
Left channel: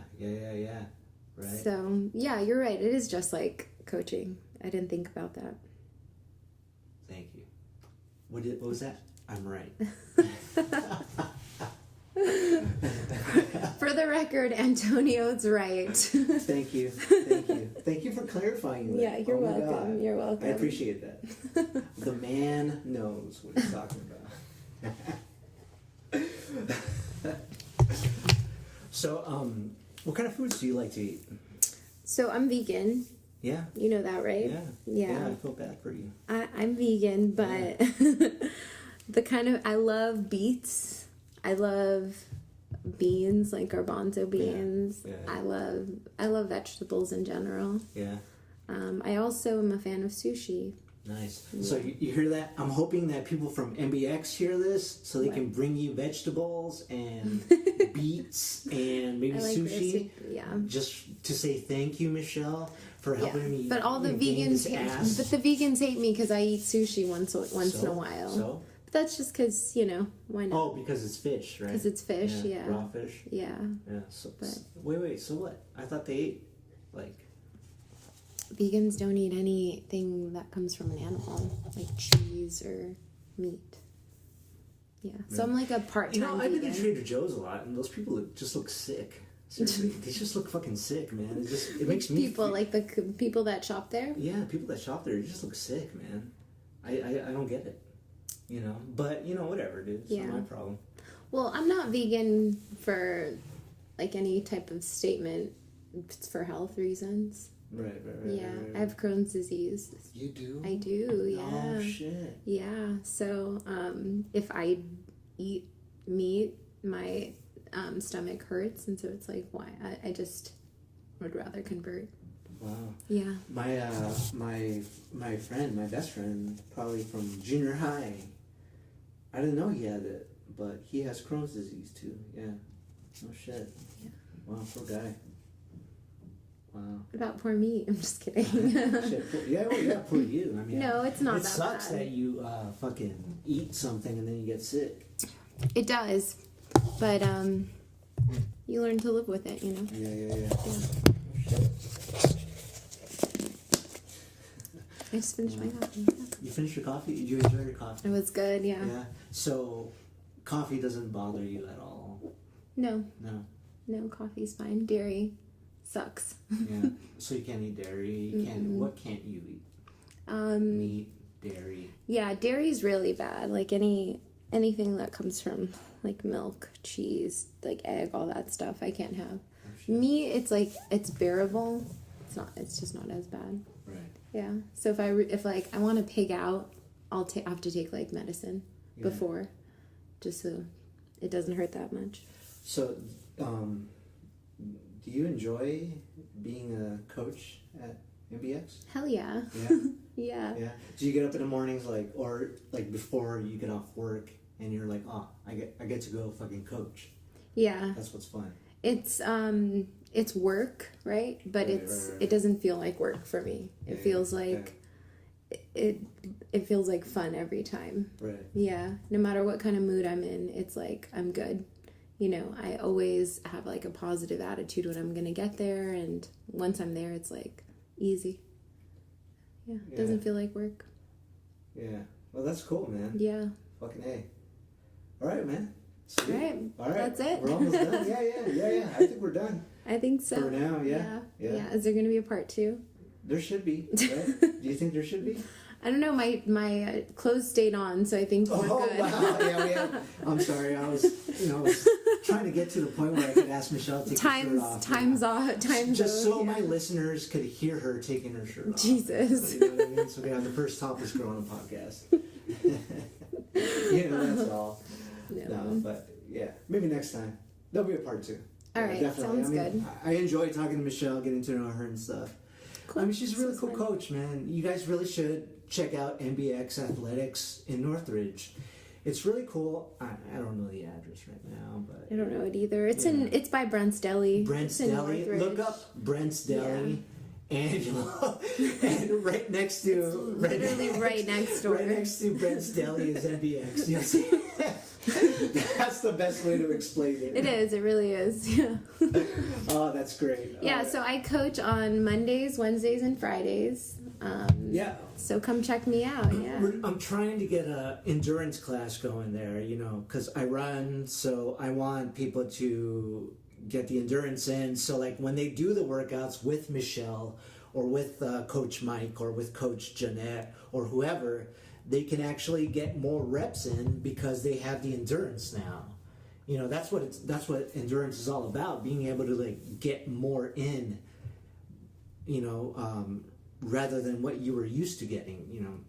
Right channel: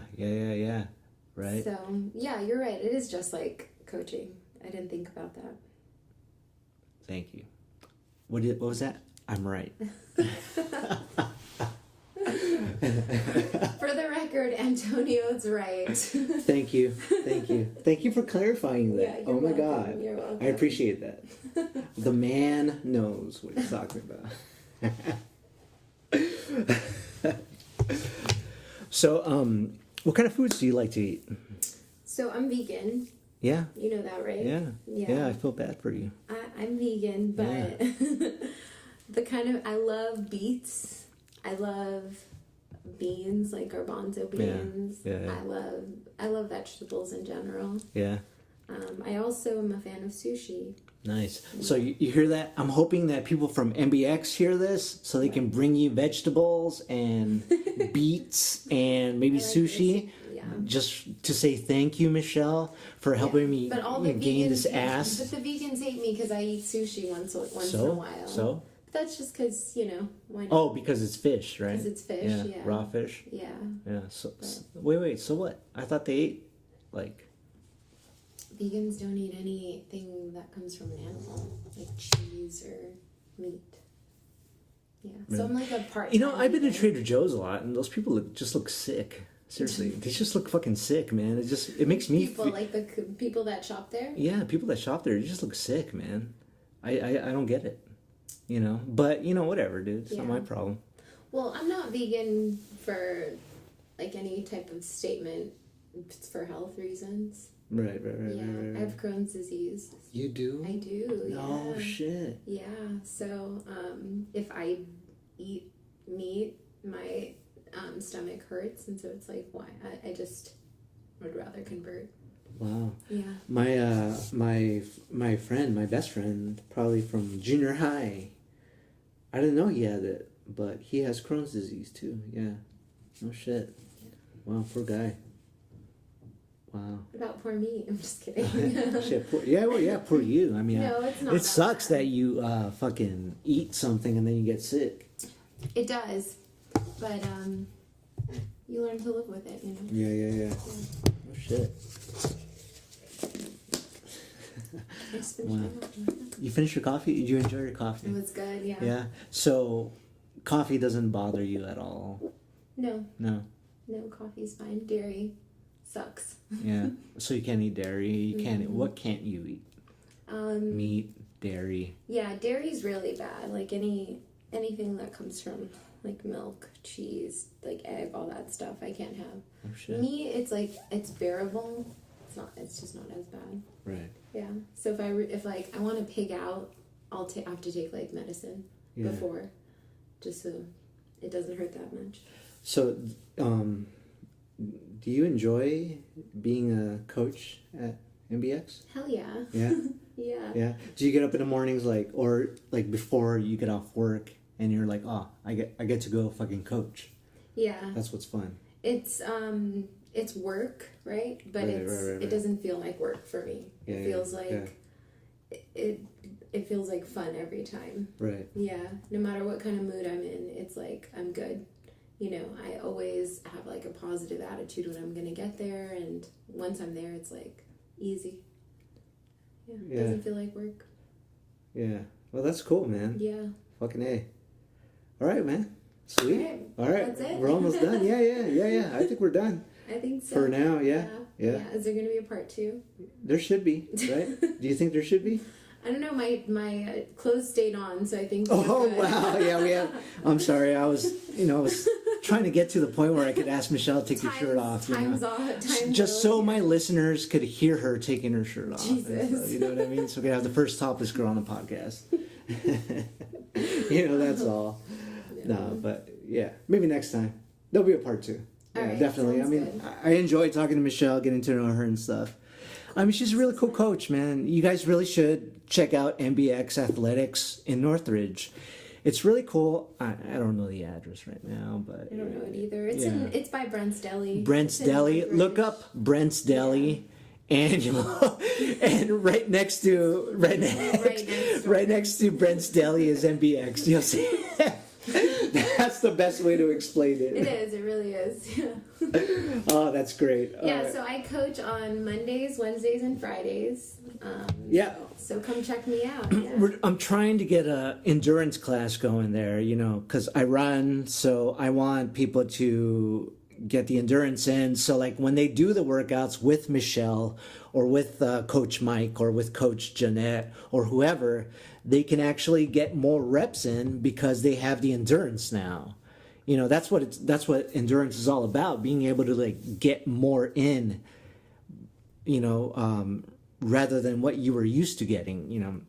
Right. So yeah, you're right. It is just like coaching. I didn't think about that. Thank you. What was that? I'm right. For the record, Antonio's right. Thank you for clarifying that. Yeah, you're welcome. God. You're welcome. I appreciate that. The man knows what he's talking about. So, what kind of foods do you like to eat? So I'm vegan. Yeah. You know that, right? Yeah. I feel bad for you. I'm vegan, but I love beets. I love beans, like garbanzo beans. Yeah. I love vegetables in general. Yeah. I also am a fan of sushi. Nice. So you hear that? I'm hoping that people from MBX hear this so they can bring you vegetables and beets and maybe sushi. Yeah. Just to say thank you, Michelle, for helping me but all the gain vegans, this ass. But the vegans hate me because I eat sushi once in a while. So? But that's just because, you know, why not? Oh, because it's fish, right? Because it's fish, yeah. Raw fish? Yeah. Yeah. So, wait, so what? I thought they ate, like... Vegans don't eat anything that comes from an animal, like cheese or meat. Yeah. So I'm like a part-time You know, I've been to vegan. Trader Joe's a lot, and those people just look sick. Seriously, they just look fucking sick, man. It makes me... Like the people that shop there? Yeah, people that shop there, you just look sick, man. I don't get it. You know? But, you know, whatever, dude. It's not my problem. Well, I'm not vegan for, like, any type of statement. It's for health reasons. Right. Yeah, I have Crohn's disease. You do? I do, yeah. Oh, shit. Yeah, so if I eat meat, my stomach hurts, and so it's like, why? I just would rather convert. Wow. Yeah. My friend, my best friend, probably from junior high, I didn't know he had it, but he has Crohn's disease too. Yeah. No shit. Yeah. Wow, poor guy. Wow. What about poor me? I'm just kidding. Shit, poor you. I mean, no, it's not. It sucks that you fucking eat something and then you get sick. It does, but you learn to live with it, you know. Yeah. Oh shit. I just finished my coffee. You finished your coffee? Did you enjoy your coffee? It was good, yeah. Yeah. So, coffee doesn't bother you at all? No, Coffee's fine. Dairy sucks. Yeah. So you can't eat dairy. You can't. What can't you eat? Meat, dairy. Yeah, dairy's really bad. Like anything that comes from like milk, cheese, like egg, all that stuff, I can't have. Oh, shit. Meat, it's bearable. It's just not as bad. Right. Yeah. So if I want to pig out, I have to take like medicine before, just so it doesn't hurt that much. So, do you enjoy being a coach at MBX? Hell yeah. Yeah. Yeah. Yeah. Do you get up in the mornings or before you get off work and you're like, oh, I get to go fucking coach. Yeah. That's what's fun. It's work, right? But Right. it doesn't feel like work for me. It feels like it feels like fun every time. Right. Yeah. No matter what kind of mood I'm in, it's like I'm good. You know, I always have like a positive attitude when I'm gonna get there, and once I'm there, it's like easy. Yeah. It doesn't feel like work. Yeah. Well, that's cool, man. Yeah. Fucking A. All right, man. Sweet. All right. That's it. We're almost done. Yeah. I think we're done. I think so. For now, yeah. Is there going to be a part 2? There should be, right? Do you think there should be? I don't know. My clothes stayed on, so I think we're good. Wow. Yeah, we have. I'm sorry. I was trying to get to the point where I could ask Michelle to take her shirt off. Time's off. Just so my listeners could hear her taking her shirt off. Jesus. You know what I mean? So we have the first topless girl on the podcast. That's all. No, but yeah, maybe next time there'll be a part 2. All right, definitely. sounds good. I enjoy talking to Michelle, getting to know her and stuff. Cool. I mean, she's a really cool coach, man. You guys really should check out MBX Athletics in Northridge. It's really cool. I don't know the address right now, but I don't know it either. It's by Brent's Deli. Brent's Deli. Look up Brent's Deli. Yeah. And right next to Brent's Deli is MBX. You'll see. That's the best way to explain it. It is. It really is. Yeah. Oh, that's great. Yeah. So I coach on Mondays, Wednesdays, and Fridays. Yeah. So come check me out. Yeah. I'm trying to get a endurance class going there, because I run, so I want people to get the endurance in. So like when they do the workouts with Michelle or with Coach Mike or with Coach Jeanette or whoever, they can actually get more reps in because they have the endurance now. That's what endurance is all about, being able to like get more in, rather than what you were used to getting,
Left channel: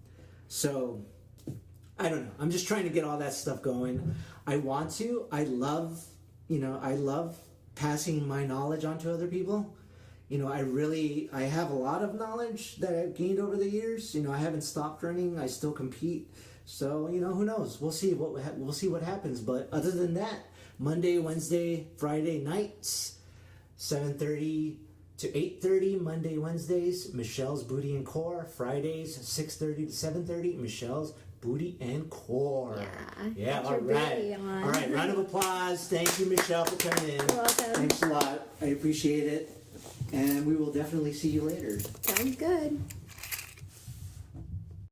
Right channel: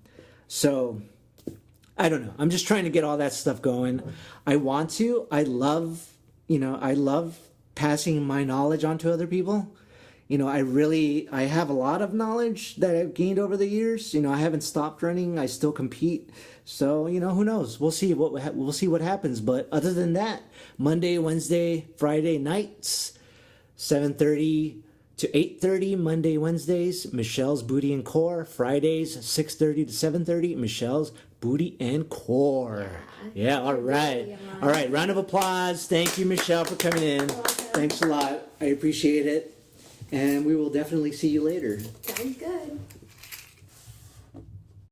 So I don't know. I'm just trying to get all that stuff going. I love passing my knowledge on to other people. I have a lot of knowledge that I've gained over the years. I haven't stopped running. I still compete. So, who knows? We'll see what happens. But other than that, Monday, Wednesday, Friday nights, 7:30 to 8:30, Monday, Wednesdays, Michelle's Booty and Core. Fridays, 6:30 to 7:30, Michelle's Booty and Core. Yeah, all right. All right, round of applause. Thank you, Michelle, for coming in. You're welcome. Thanks a lot. I appreciate it. And we will definitely see you later. Sounds good.